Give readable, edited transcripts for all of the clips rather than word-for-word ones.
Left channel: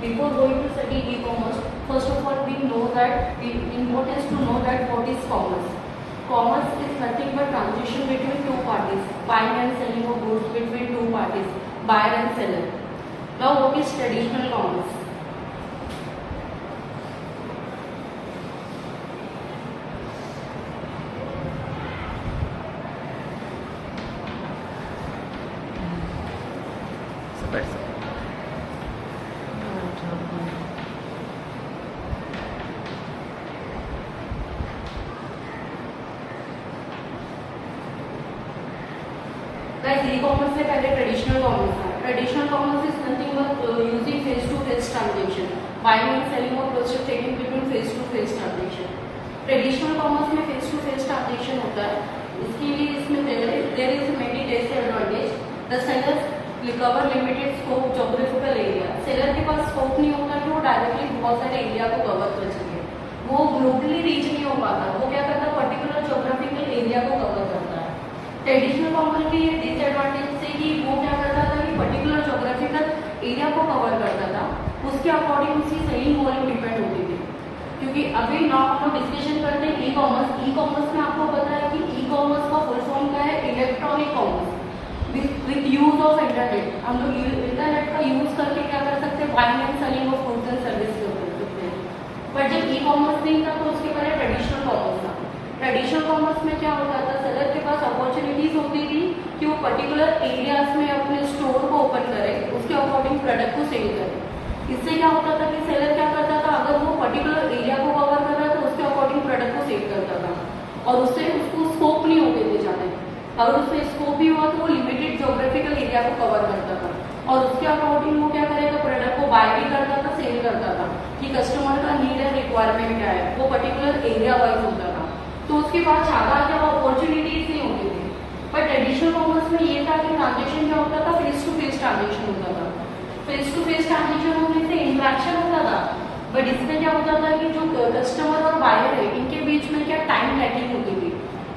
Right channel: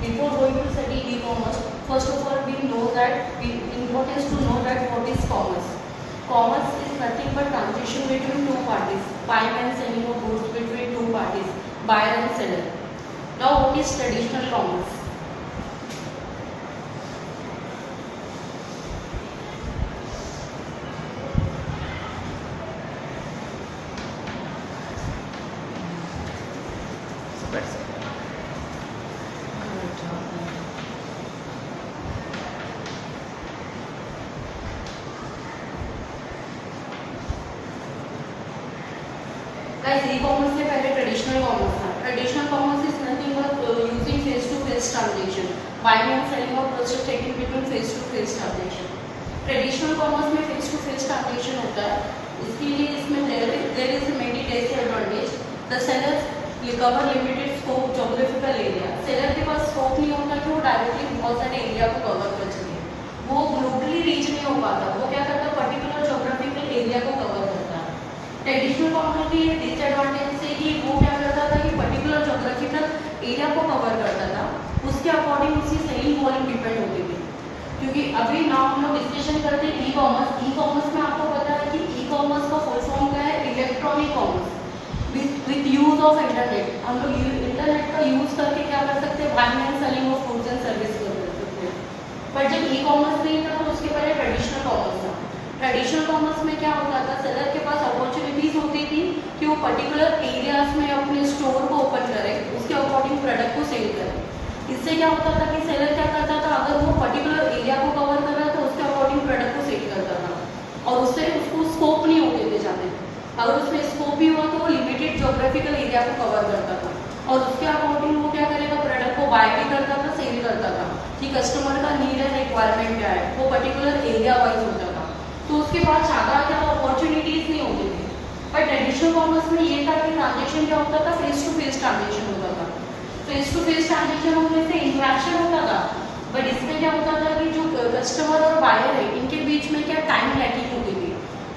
Before going to study e-commerce, first of all we know that importance to know that what is commerce. Commerce is nothing but transaction between two parties, buying and selling of goods between two parties, buyer and seller. Now what is traditional commerce? Guys e-commerce से पहले traditional commerce था. Traditional commerce is nothing but using face to face transaction, buying and selling of process taking between face to face transaction. Traditional commerce में face to face transaction होता है. इसके लिए इसमें there is many disadvantage. The sellers cover limited scope geographical area. Seller के पास scope नहीं होता कि वो डायरेक्टली बहुत सारे एरिया को कवर कर सके. वो ग्लोबली रीच नहीं हो पाता. वो क्या करता है, पर्टिकुलर ज्योग्राफिकल एरिया को कवर करता है. ट्रेडिशनल कॉमर्स की ये डिसएडवांटेज से कि वो क्या करता था कि पर्टिकुलर ज्योग्राफिकल एरिया को कवर करता था. उसके अकॉर्डिंग उसकी सेलिंग वॉल्यूम डिपेंड होती थी. क्योंकि अभी ना हम लोग डिस्कशन करते हैं ई कॉमर्स. ई कॉमर्स में आपको पता है कि ई कॉमर्स का फुल फॉर्म क्या है, electronic commerce with use of internet. हम लोग इंटरनेट का यूज करके क्या कर सकते हैं, buying and selling of goods and service कर सकते हैं. बट जब ई कॉमर्स नहीं था तो उसके पहले ट्रेडिशनल कॉमर्स था. ट्रेडिशनल कॉमर्स में क्या होता था, सेलर के पास अपॉर्चुनिटीज होती थी कि वो पर्टिकुलर एरियाज में अपने स्टोर को ओपन करे, उसके अकॉर्डिंग प्रोडक्ट को सेल करे. इससे क्या होता था कि सेलर क्या करता था, अगर वो पर्टिकुलर एरिया को कवर कर रहा था उसके अकॉर्डिंग प्रोडक्ट को सेल करता था और उससे उसको स्कोप नहीं होते थे जाते. अगर उसमें स्कोप भी हुआ तो वो लिमिटेड ज्योग्राफिकल एरिया को कवर करता था और उसके अकॉर्डिंग वो क्या करेगा, प्रोडक्ट को बाय भी करता था, सेल करता था कि कस्टमर का नीड है, रिक्वायरमेंट क्या है, वो पर्टिकुलर एरिया वाइज होता था. तो उसके बाद ज़्यादा क्या अपॉर्चुनिटीज नहीं होती थी. पर ट्रेडिशनल कॉमर्स में ये था कि ट्रांजेक्शन क्या होता था, फेस टू फेस ट्रांजेक्शन होता था. फेस टू फेस ट्रांजेक्शन होने से इंट्रैक्शन होता था. बट इसमें क्या होता था कि जो कस्टमर और बायर है इनके बीच में क्या टाइम लैकिंग होती थी.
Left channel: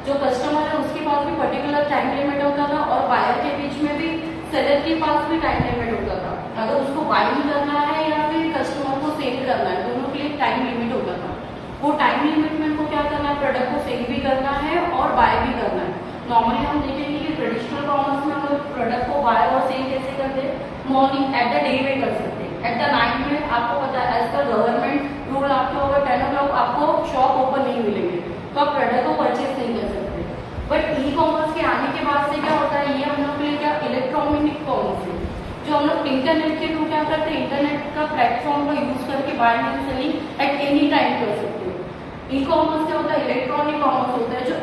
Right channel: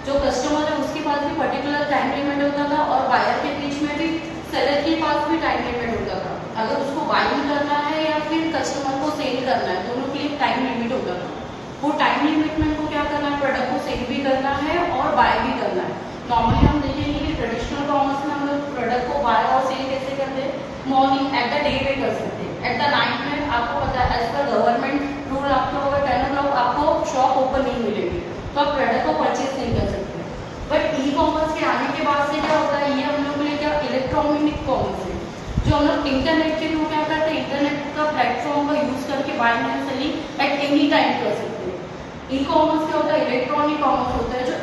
जो कस्टमर है उसके पास भी पर्टिकुलर टाइम लिमिट होता था और बायर के बीच में भी सेलर के पास भी टाइम लिमिट होता था. अगर उसको बाइंग करना है या फिर कस्टमर को सेल करना है, दोनों के लिए टाइम लिमिट होता था. वो टाइम लिमिट में को क्या करना है, प्रोडक्ट को सेल भी करना है और बाय भी करना है. नॉर्मली हम देखेंगे कि ट्रेडिशनल कॉमर्स में हम लोग प्रोडक्ट को बाय और सेल कैसे करते हैं, मॉर्निंग एट द डे में कर सकते हैं. एट द नाइट में आपको पता है एज पर गवर्नमेंट रूल आपको अगर 10 o'clock आपको शॉप ओपन नहीं मिलेगी तो आप प्रोडक्ट को परचेज नहीं कर सकते. बट ई कॉमर्स के आने के बाद से क्या होता है, ये हम लोग के लिए क्या इलेक्ट्रॉनिक कॉमर्स है, जो हम लोग इंटरनेट के थ्रू क्या करते हैं, इंटरनेट का प्लेटफॉर्म का यूज करके buying and selling at any time कर सकते हैं. ई कॉमर्स क्या होता है, इलेक्ट्रॉनिक कॉमर्स होता है, जो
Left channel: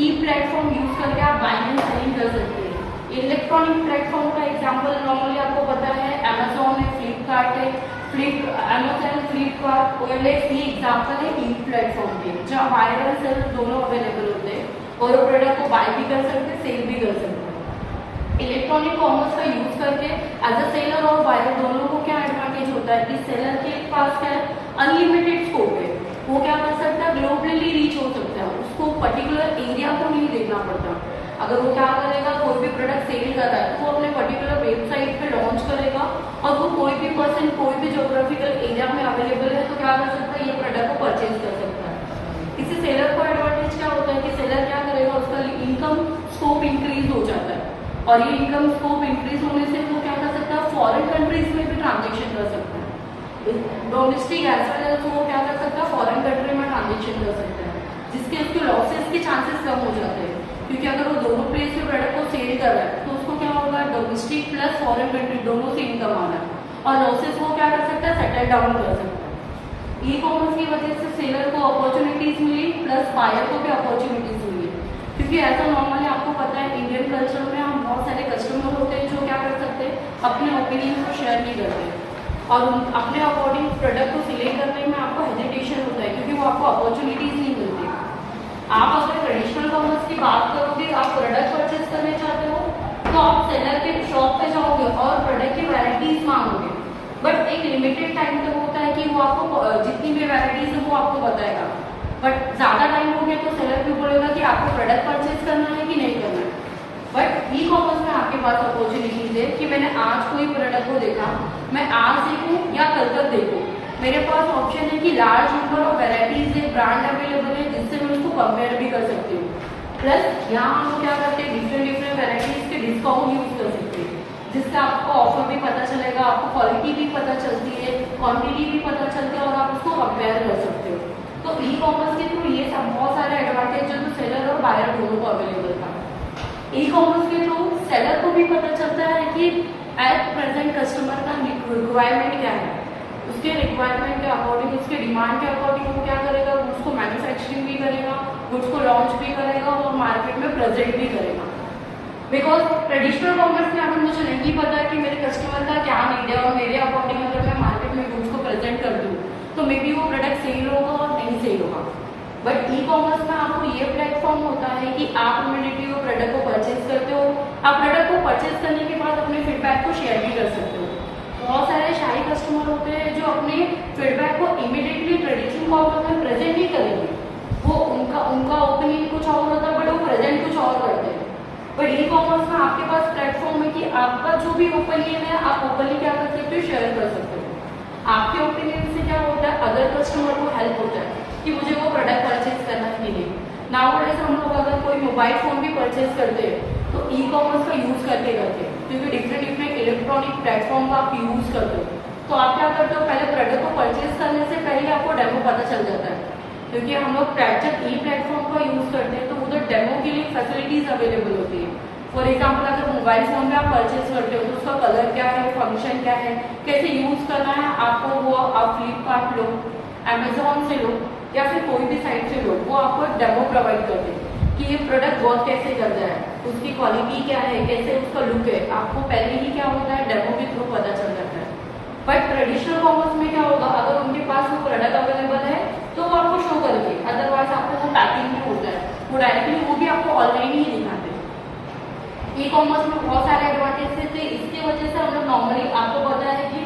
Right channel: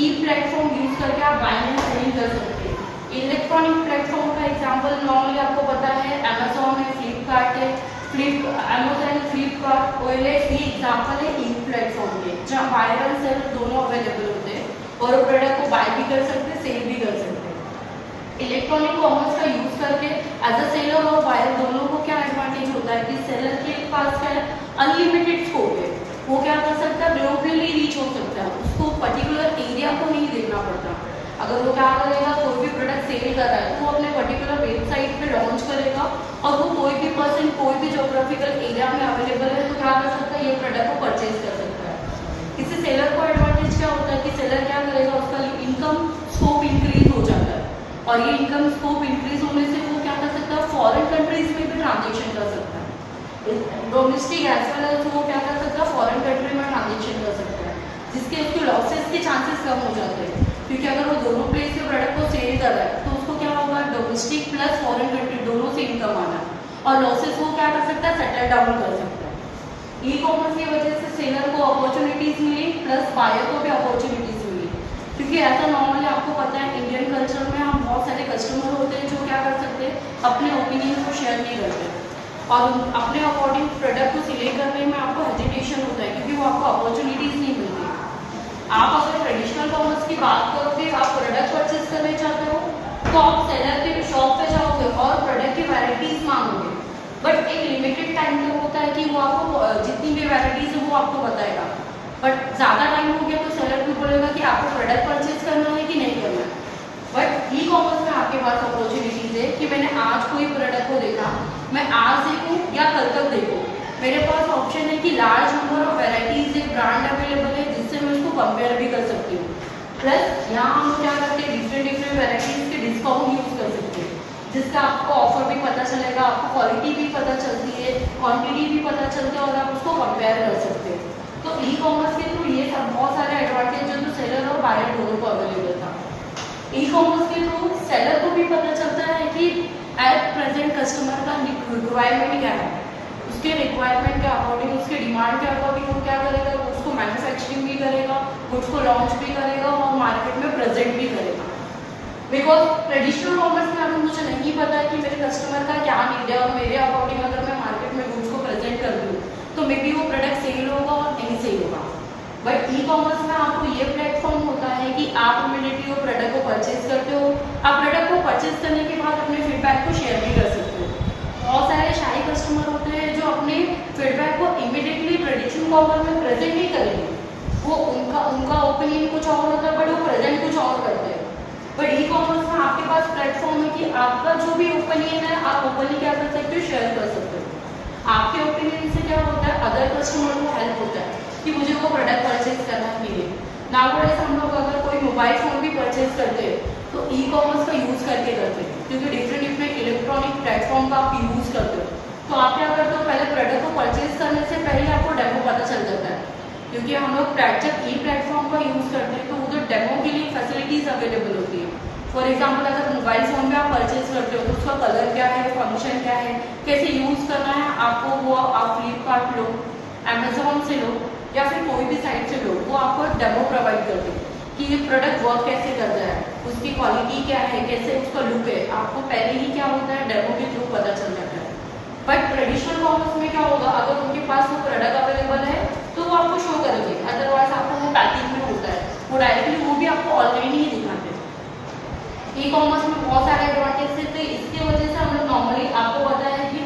ई प्लेटफॉर्म यूज करके आप बाइंग एंड सेलिंग कर सकते हैं. इलेक्ट्रॉनिक प्लेटफॉर्म का एग्जांपल नॉर्मली आपको पता है अमेजोन है, फ्लिपकार्ट है. अमेजोन फ्लिपकार्ट OLX ये एग्जाम्पल है ई प्लेटफॉर्म के, जहाँ बायर एंड सेलर दोनों अवेलेबल होते हैं और वो प्रोडक्ट को बाय भी कर सकते हैं, सेल भी कर सकते हैं. इलेक्ट्रॉनिक कॉमर्स का यूज करके एज अ सेलर और बायर दोनों को क्या एडवांटेज होता है कि सेलर के पास क्या है, अनलिमिटेड स्कोप है. वो क्या कर सकता है, ग्लोबली रीच हो सकता है. उसको पर्टिकुलर एरिया को नहीं देखना पड़ता. अगर वो क्या करेगा, कोई भी प्रोडक्ट सेल कर रहा है तो वो अपने पर्टिकुलर वेबसाइट पे लॉन्च करेगा और वो कोई भी पर्सन कोई भी ज्योग्राफिकल एरिया में अवेलेबल है तो क्या कर सकता है, ये प्रोडक्ट को परचेज कर सकता है. इससे सेलर को एडवांटेज क्या होता है कि सेलर क्या करेगा, उसका इनकम स्कोप इंक्रीज हो जाता है और ये इनकम स्कोप इंक्रीज होने से वो क्या कर सकता है, फॉरेन कंट्रीज में भी ट्रांजेक्शन कर सकता है. डोमेस्टिक एज वेल एज वो क्या कर सकता है, फॉरेन कंट्री में ट्रांजेक्शन कर सकता है, जिसके उसके लॉसेस के चांसेस कम हो जाते हैं. क्योंकि अगर वो दोनों प्लेस पे प्रोडक्ट को सेल कर रहा है तो उसको क्या होगा, डोमेस्टिक प्लस फॉरेन कंट्री दोनों से इनकम आना है और लॉसेस वो क्या कर सकता है, सेटल डाउन कर सकता है. ई कॉमर्स की वजह से सेलर को अपॉर्चुनिटीज मिली प्लस बायर को भी अपॉर्चुनिटीज मिली. क्योंकि ऐसा नॉर्मली आपको पता है इंडियन कल्चर में हम बहुत सारे कस्टमर होते हैं जो क्या कर सकते हैं, अपने ओपिनियन को शेयर नहीं करते और अपने अकॉर्डिंग प्रोडक्ट को सिलेक्ट करने में आपको हेजिटेशन होता है क्योंकि वो आपको अपॉर्चुनिटीज नहीं मिलती. आप अगर ट्रेडिशनल कॉमर्स की बात करोगे, आप प्रोडक्ट परचेज करने चाहते हो तो आप सेलर के शॉप पे जाओगे और प्रोडक्ट की वैरायटीज मांगोगे. बट एक लिमिटेड टाइम तक होता है कि वो आपको जितनी भी वैरायटीज है वो आपको बताएगा. बट ज़्यादा टाइम हो गया तो सेलर भी बोलेगा कि आपको प्रोडक्ट परचेज करना है कि नहीं करना है. बट ई कॉमर्स में आपके पास अपॉर्चुनिटीज है कि मैंने आज कोई प्रोडक्ट को देखा, मैं आज देखूँ या कल तक देखूँ, मेरे पास ऑप्शन है कि लार्ज नंबर ऑफ वेराइटीज एक ब्रांड अवेलेबल है जिससे मैं उसको कंपेयर भी कर सकती हूँ। प्लस यहाँ हम क्या करते हैं, डिफरेंट वेराइटीज के डिस्काउंट यूज कर सकते हैं, जिससे आपको ऑफर भी पता चलेगा, आपको क्वालिटी भी पता चलती है, क्वांटिटी भी पता चलती है और आप उसको कंपेयर कर सकते हो। तो ई कॉमर्स के थ्रू ये सब बहुत सारे एडवांटेज जो सेलर और बायर दोनों को अवेलेबल था। ई कॉमर्स के थ्रू सेलर को भी पता चलता है कि एट प्रेजेंट कस्टमर का रिक्वायरमेंट क्या है, उसके रिक्वायरमेंट के अकॉर्डिंग, उसके डिमांड के अकॉर्डिंग वो क्या करेगा, उसको मैन्युफैक्चरिंग भी करेगा, गुड्स को लॉन्च भी करेगा और मार्केट में प्रेजेंट भी करेगा। बिकॉज ट्रेडिशनल कॉमर्स में अगर मुझे नहीं पता कि मेरे कस्टमर का क्या नीड है और मेरे अकॉर्डिंग अगर मैं मार्केट में गुड्स को प्रेजेंट कर दूँ तो मे बी वो प्रोडक्ट सेल होगा और नहीं सेल होगा। बट ई कॉमर्स में आपको ये प्लेटफॉर्म होता है कि आप इमीडिएटली वो प्रोडक्ट को परचेज करते हो, आप प्रोडक्ट को परचेज करने के बाद अपने फीडबैक को शेयर भी कर सकते हो। बहुत सारे शाही कस्टमर होते हैं जो अपने फीडबैक को इमीडिएटली ट्रेडिशनल कॉमर्स में प्रेजेंट नहीं करेंगे, वो उनका ओपिनियन कुछ और होता है बट वो प्रेजेंट कुछ और करते हैं। बट ई कॉमर्स में आपके पास प्लेटफॉर्म है कि आपका जो भी ओपिनियन है आप ओपनली क्या कर सकते हो, शेयर कर सकते हो। आपके ओपिनियन से क्या होता है, अदर कस्टमर को हेल्प होता है कि मुझे वो प्रोडक्ट परचेज करना है कि नहीं। नाउअडेज हम लोग अगर कोई मोबाइल फ़ोन भी परचेज करते हैं तो ई कॉमर्स का यूज़ करके करते हैं, क्योंकि डिफरेंट इलेक्ट्रॉनिक प्लेटफॉर्म का आप यूज़ करते हो। तो आप क्या करते हो, पहले प्रोडक्ट को परचेज करने से पहले आपको डेमो पता चल जाता है, क्योंकि हम लोग जब ई प्लेटफॉर्म का यूज़ करते हैं तो उधर डेमो के लिए फैसिलिटीज़ अवेलेबल होती है। फॉर एग्जाम्पल अगर मोबाइल फ़ोन में आप परचेज करते हो तो उसका कलर क्या है, फंक्शन क्या है, कैसे यूज़ करना है, आपको वो आप फ्लिपकार्ट लो, अमेजोन से लो या फिर कोई भी साइट से लो, वो आपको डेमो प्रोवाइड करते हैं कि ये प्रोडक्ट वर्क कैसे करता है, उसकी क्वालिटी क्या है, कैसे उसका लुक है, आपको पहले ही क्या होता है डेमो के थ्रू पता चल जाता है। बट ट्रेडिशनल कॉमर्स में क्या होगा, अगर उनके पास वो प्रोडक्ट अवेलेबल है तो वो आपको शो करेंगे, अदरवाइज आपको वो पैकिंग में होता है, वो डायरेक्टली वो भी आपको ऑनलाइन ही दिखाते हैं। ई कॉमर्स में बहुत सारे एडवांटेज थे, इसके वजह से हम लोग नॉर्मली आपको पता है कि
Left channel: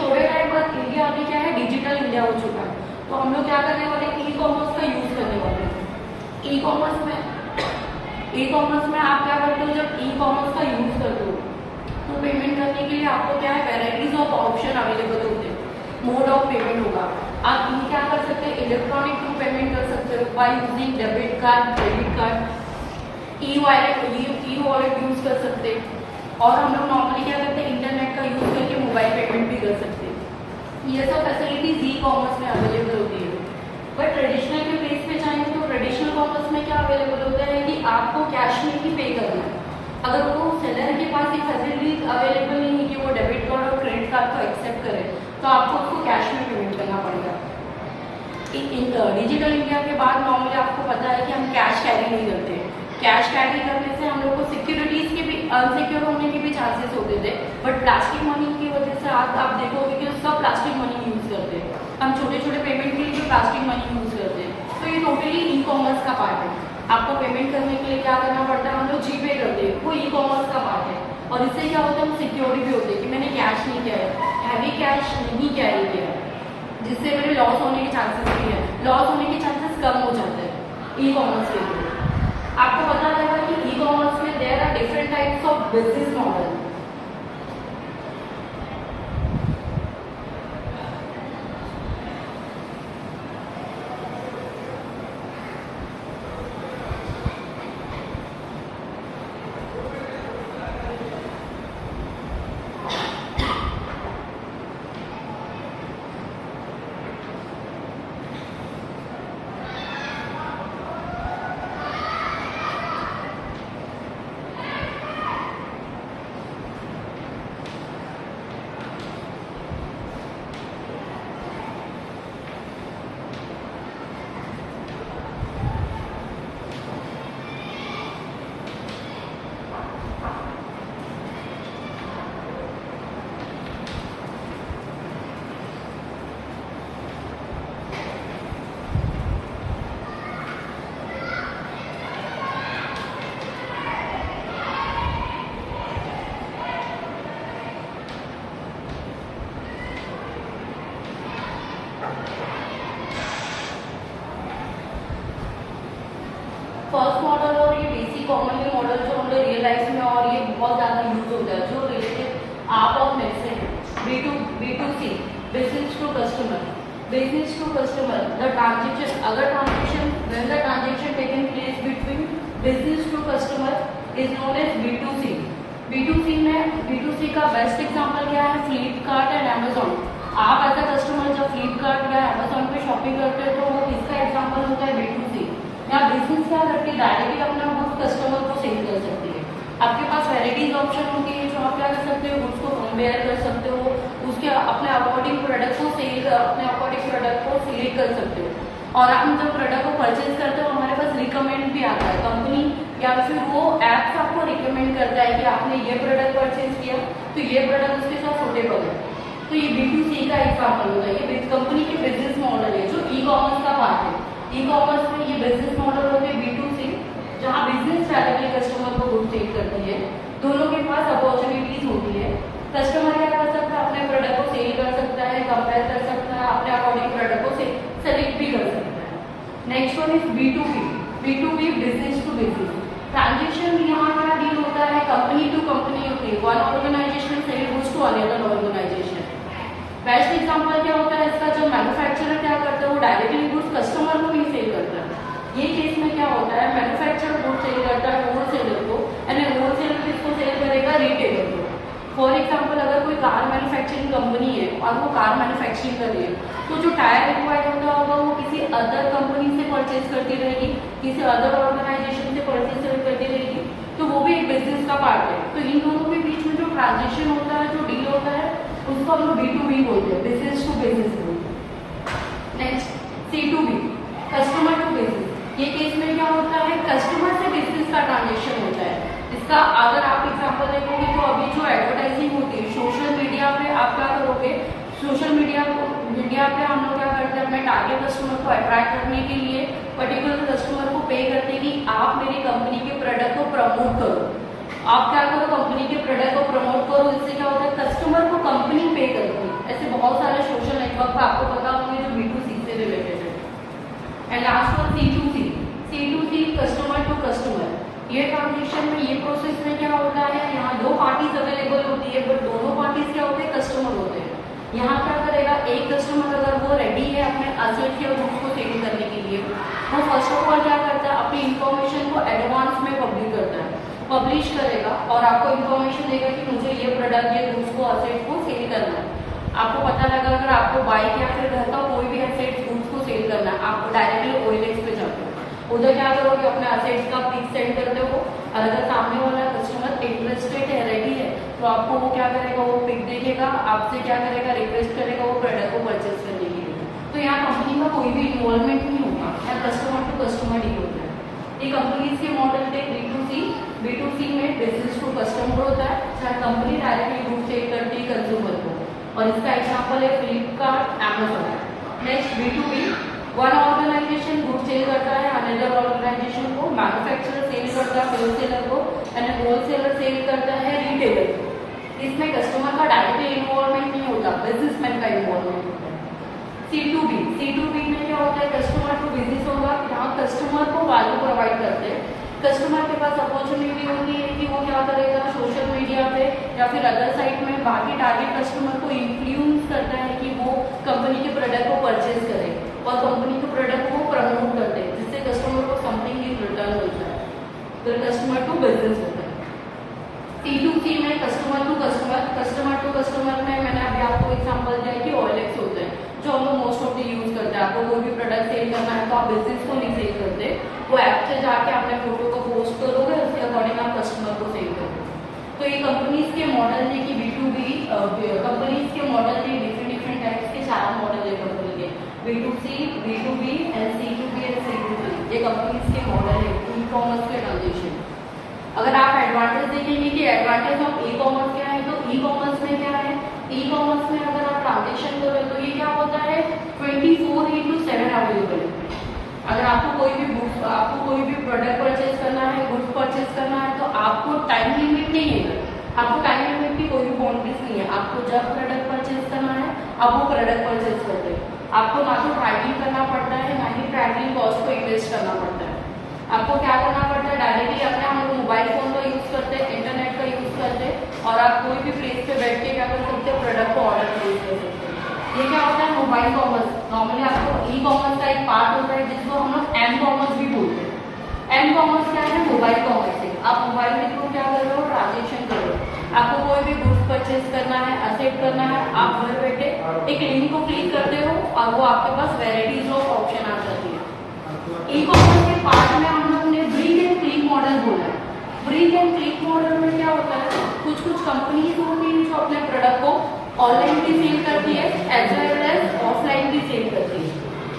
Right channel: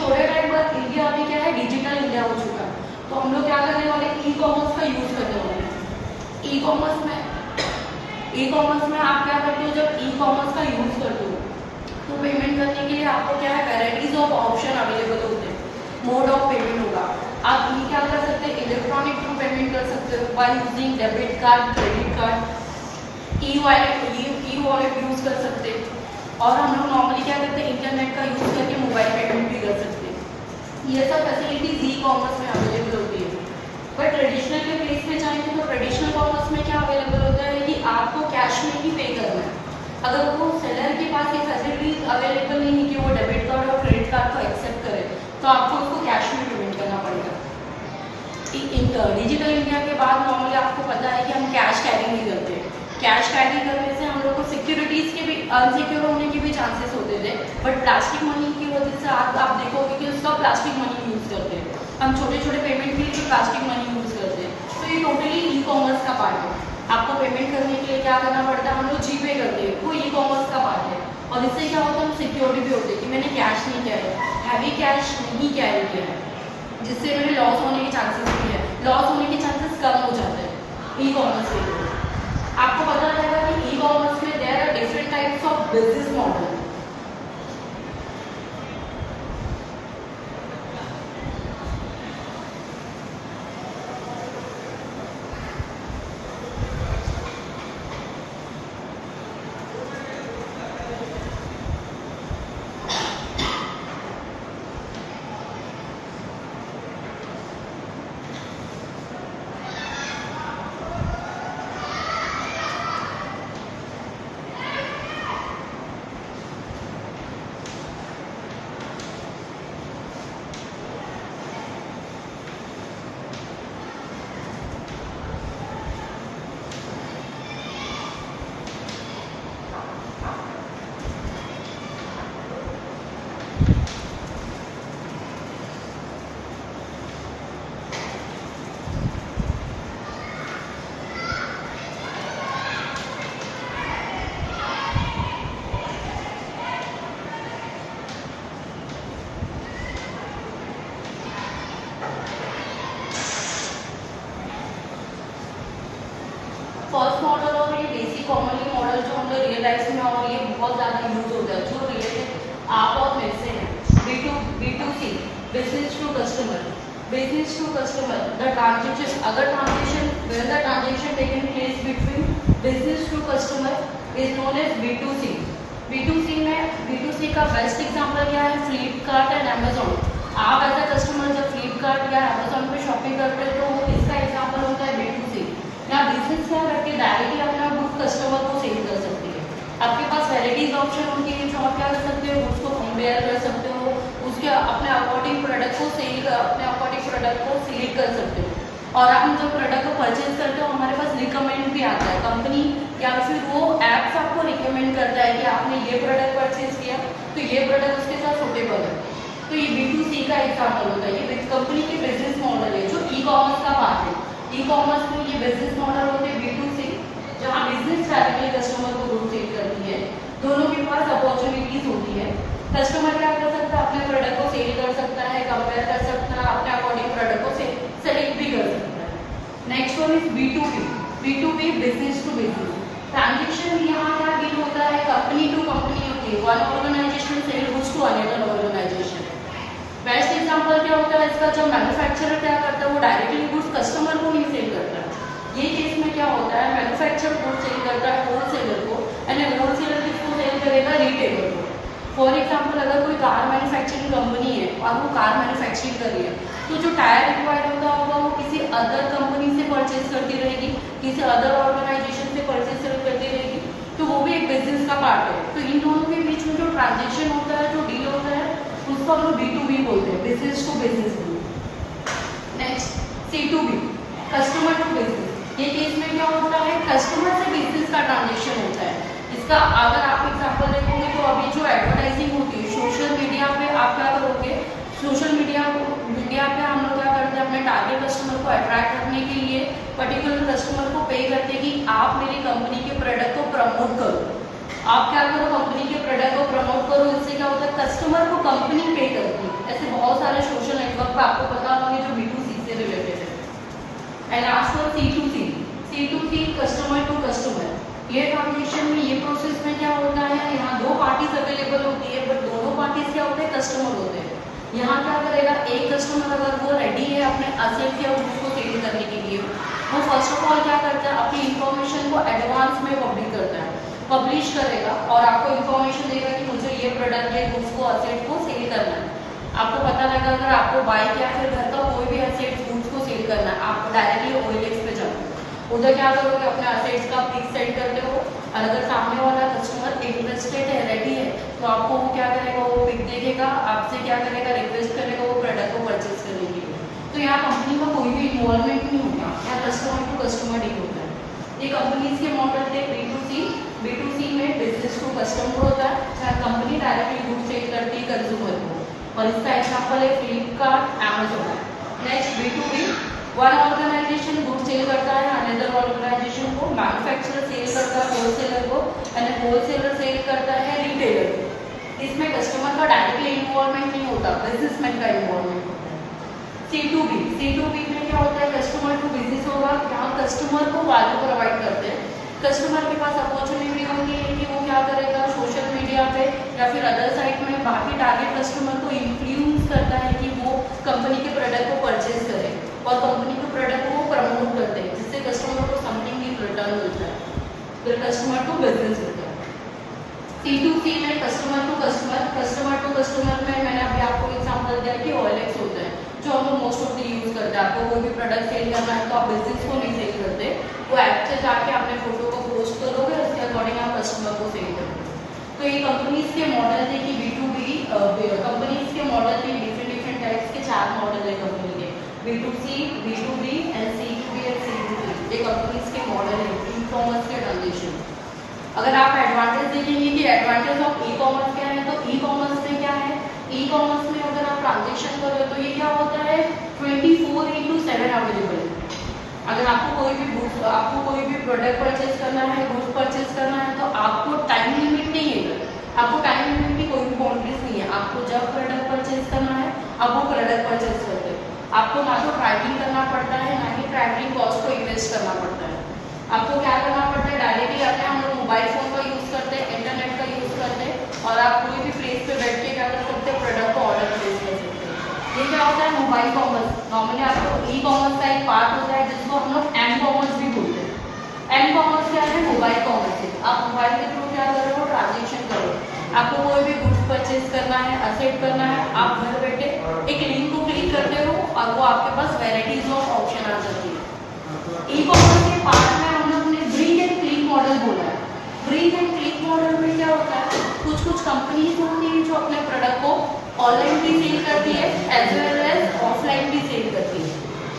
थोड़े टाइम बाद इंडिया अभी क्या है, डिजिटल इंडिया हो चुका है, तो हम लोग क्या करने वाले, ई कॉमर्स का यूज़ करने वाले हैं। ई कॉमर्स में आप क्या करते हो, जब ई कॉमर्स का यूज़ करते हो तो पेमेंट करने के लिए आपको क्या है, वैराइटीज ऑफ ऑप्शन अवेलेबल होते हैं, मोड ऑफ पेमेंट होगा। आप ये क्या कर सकते हैं, इलेक्ट्रॉनिक थ्रू पेमेंट कर सकते हो by using debit card, credit card, e wallet use कर सकते हैं। और हम लोग नॉर्मली क्या करते हैं, इंटरनेट का यूज़ करके मोबाइल पेमेंट भी कर सकते हैं। ये सब फैसिलिटीज ई कॉमर्स में अवेलेबल होती है। बट ट्रेडिशनल के केस पे जाएंगे तो ट्रेडिशनल कॉमर्स में क्या अवेलेबल होता है कि आपको कैश में ही पे करना है। अगर वो सेलर के पास ये फैसिलिटीज अवेलेबल नहीं है कि वो डेबिट कार्ड और क्रेडिट कार्ड को एक्सेप्ट करे, तो आपको उसको कैश में पेमेंट करना पड़ेगा। डिजिटल इंडिया के बाद नॉर्मली आपको पता है कि हम कैश कैरी नहीं करते। कैश कैरी करने से हम लोग को सिक्योरिटीज़ के भी अनसिक्योर होने के भी चांसेस होते थे, बट प्लास्टिक मनी की वजह से आप देखोगे कि उसका प्लास्टिक मनी यूज़ करते हैं, हम छोटे छोटे पेमेंट के लिए भी प्लास्टिक मनी यूज़ करते हैं। तो ये टोटली ई कॉमर्स का पार्ट है। आपको पेमेंट करने के लिए क्या करना पड़ता है, हम लोग जीपे करते हैं, वो ई कॉमर्स का पार्ट है। और इससे क्या होता है, हम सिक्योरिटी भी होते हैं कि मैंने कैश नहीं किया है, हैवी कैश नहीं कैरी किया है, जिससे मेरे लॉस होने के चांसेस भी है, लॉस होने के चांसेस कम हो जाते हैं ई कॉमर्स के लिए। आपको पता रहेगा कि ई कॉमर्स में there are different types of business model. Basic commonly model जो हम लोग रियल लाइफ में और ये बहुत ज़्यादा यूज होता है, जो रिलेटेड आप और मेरे से हैं। B2C, business to customer. Business to customer, the transaction, अगर transaction when the transaction taken place between business to customer is known as B2C। B2C का बेस्ट एग्जांपल क्या है? Flipkart and Amazon. आप एज अ कस्टमर जब Flipkart या Amazon पे shopping करते हैं तो वो किसका एग्जांपल होता है? B2C। या बिजनेस क्या करके डायरेक्टली अपना गुड्स कस्टमर को सेल कर सकती है। आपके पास वैराइटीज ऑप्शन होती है जो आप क्या कर सकते हो, गुड्स को कंपेयर कर सकते हो, उसके अपने अकॉर्डिंग प्रोडक्ट को अपने अकॉर्डिंग प्रोडक्ट को सिलेक्ट कर सकते हो। और हम जब प्रोडक्ट को परचेज करते हो हमारे पास रिकमेंड भी आता है, कंपनी या फिर वो ऐप्स आपको रिकमेंड करता है कि आपने ये प्रोडक्ट परचेज किया तो ये प्रोडक्ट उसके साथ सूटेबल है। तो ये B2C का एग्जाम्पल होता है। ये कंपनी के बिजनेस मॉडल है जो ई-कॉमर्स का पार्ट है। ई-कॉमर्स में ये बिजनेस मॉडल होते हैं B2C, जहाँ बिजनेस डायरेक्टली कस्टमर को गुड सेल करती है। दोनों के पास अपॉर्चुनिटीज होती है। कस्टमर क्या कर सकता है? अपने प्रोडक्ट को सेल कर सकता है, कंपेयर कर सकता है, अपने अकॉर्डिंग प्रोडक्ट को सेलेक्ट भी कर सकता है। Next one is B2B, business to business. Transaction यहाँ क्या डील होता है? कंपनी टू कंपनी होती है। One organisation sell goods to another organisation. Best example क्या होता है इसका? जो मैन्युफैक्चरर क्या करता है वो डायरेक्टली गुड्स कस्टमर को नहीं सेल करता है। ये केस में क्या होता है? मैन्युफैक्चरर गुड सेल करता है होलसेलर को, एंड होलसेलर किसको सेल करेगा? रिटेलर को। फॉर एग्जाम्पल अगर कोई कार मैन्युफैक्चरिंग कंपनी है और वो कार मैन्युफैक्चरिंग कर रही है तो जो टायर रिक्वायर्ड होता होगा वो किसी अदर कंपनी से परचेज करती रहेगी, किसी अदर ऑर्गेनाइजेशन से परचेज करती रहेगी, तो वो भी एक बिजनेस का पार्ट है। तो इन दोनों के बीच में जो ट्रांजेक्शन होता है, जो डील होता है, उसको हम लोग B2B बोलते हैं, बिजनेस टू बिजनेस बोलते हैं। Next C2B, customer to business. ये केस में क्या होता है? कस्टमर से बिजनेस का ट्रांजेक्शन होता है। इसका अगर आप एग्जांपल देखोगे तो अभी जो एडवर्टाइजिंग होती है सोशल मीडिया पे, आप क्या करोगे? सोशल मीडिया पे हम लोग क्या करते हैं? अपने टारगेट कस्टमर को अट्रैक्ट करने के लिए पर्टिकुलर कस्टमर को पे करते हैं कि आप मेरी कंपनी के प्रोडक्ट को प्रमोट करो। आप क्या करो? कंपनी के प्रोडक्ट को प्रमोट करो। इससे क्या होता है? कस्टमर को कंपनी पे करती है। ऐसे बहुत सारे सोशल नेटवर्क पे आपको पता होंगे जो B2C से रिलेटेड है। And last one C2C, customer to customer. ये ट्रांजेक्शन में, ये प्रोसेस में क्या होता है? यहाँ दो पार्टीज अवेलेबल होती है, बट दोनों पार्टीज क्या होते हैं? कस्टमर होते हैं। यहाँ क्या करेगा? एक कस्टमर अगर वो रेडी है अपने असेट या गुड्स को सेल करने के लिए, वो फर्स्ट ऑफ ऑल क्या करता है? अपनी इंफॉर्मेशन को एडवांस में पब्लिश करेगा और आपको इंफॉर्मेशन देगा कि मुझे ये प्रोडक्ट या गुड्स को असेट को सेल करना है। आपको पता लगा अगर आपको बाइक या फिर घर का कोई भी असेट गुड्स को सेल करना है, आप डायरेक्टली OLX पे जाते हो, उधर क्या करोगे? अपने असेट्स का पिक सेंड करते हो और अगर सामने वाला कस्टमर इंटरेस्टेड है, रेडी है, तो आपको वो क्या करेगा? वो पिक देखेगा, आपसे क्या करेगा? रिक्वेस्ट करेगा वो प्रोडक्ट को परचेज करने के लिए। तो यहाँ कंपनी का कोई भी इन्वॉल्वमेंट नहीं होता, यहाँ कस्टमर टू कस्टमर डील होता है। ये कंपनीज के मॉडल थे B2C में बिजनेस टू कस्टमर होता है, जहाँ कंपनी डायरेक्टली गुड सेल करती है कंज्यूमर को, और इसका एग्जाम्पल है Flipkart, Amazon. Next B2B, one organisation good sell करता है अनदर ऑर्गेनाइजेशन को, मैन्युफैक्चरर सेल करता है होलसेलर को, एंड होलसेलर सेल करता है रिटेलर को। इसमें कस्टमर का डायरेक्टली इन्वॉल्वमेंट नहीं होता, बिजनेसमैन का इन्वॉल्वमेंट होता है। C2B में क्या होता है? कस्टमर टू बिजनेस होगा, जहाँ कस्टमर को वैल्यू प्रोवाइड करते हैं। कस्टमर के पास अपॉर्चुनिटी होती है कि वो क्या करेगा? सोशल मीडिया पे या फिर अदर साइट में बाकी टारगेट कस्टमर को इन्फ्लुएंस करता है कि वो कंपनी के प्रोडक्ट को परचेज करे और कंपनी के प्रोडक्ट को प्रमोट करते हैं, जिससे कस्टमर को समथिंग इन रिटर्न मिलता है। तो कस्टमर टू बिजनेस होता है। C2C में कस्टमर टू कस्टमर में मैंने अभी आपको एग्जांपल दिया कि OLX होता है, जो हम लोग मोस्ट ऑफ द यूज करते हैं। आपको कोई भी प्रोडक्ट सेल करना है तो आप बिजनेस को नहीं सेल करते, वो ऐप से जाके अपने फोटो को पोस्ट करोगे, उसके अकॉर्डिंग आप कस्टमर को सेल करोगे। तो ये कंपनीज के मॉडल है कि B2B कंपनीज के मॉडल में डिफरेंट टाइप्स के 4 मॉडल है कंपनी के, B2C, B2B and C2B and C2C। ये कंपनीज के मॉडल है ई-कॉमर्स के ट्रांजेक्शन। अगर आप एडवांटेज देखेंगे कि एडवांटेज ऑफ ई-कॉमर्स क्या है, तो ई-कॉमर्स में क्या है? ई-कॉमर्स में अगर आप ट्रांजेक्शन कर रहे हो तो ये क्या होता है? 24/7 अवेलेबल है। अगर आपको कोई भी प्रोडक्ट परचेज करना है, गुड्स परचेज करना है, तो आपको टाइम लिमिट नहीं है। आपको टाइम लिमिट की कोई भी बाउंड्रीज नहीं है। आपको जब प्रोडक्ट परचेज करना है आप वो प्रोडक्ट परचेज करते हैं। आपको ना तो ट्रैवलिंग करना पड़ता है, ना ही ट्रैवलिंग कॉस्ट को इन्वेस्ट करना पड़ता है। आपको क्या करना पड़ता है, डायरेक्टली अपने हम लोग मोबाइल फ़ोन का यूज़ करते हैं, इंटरनेट का यूज़ करते हैं और आप कोई भी प्लेस पे बैठ के क्या कर सकते हो, प्रोडक्ट को ऑर्डर प्लेस कर सकते हैं। ये क्या होता है, मोबाइल कॉमर्स। नॉर्मली आपको ई कॉमर्स का एक पार्ट होता है जिसको हम लोग एम कॉमर्स भी बोलते हैं। एम कॉमर्स क्या है, मोबाइल कॉमर्स है। आप मोबाइल के थ्रू क्या कर रहे हो, ट्रांजेक्शन करो। आपको कोई भी गुड्स परचेज करना है, एक्सेप्ट करना है, आप घर बैठे एक लिंक को क्लिक करते हो और वो आपके पास वेराइटीज ऑफ ऑप्शन आ जाती है। ई कॉमर्स के पार्ट में हम लोग ने ब्रिंग एंड क्लिक मॉडल बोला है। ब्रिंग एंड क्लिक मॉडल में क्या होता है, कुछ कुछ कंपनीज होती है जो अपने प्रोडक्ट को ऑनलाइन भी सेल करती है एज वेल एज ऑफलाइन भी सेल करती है।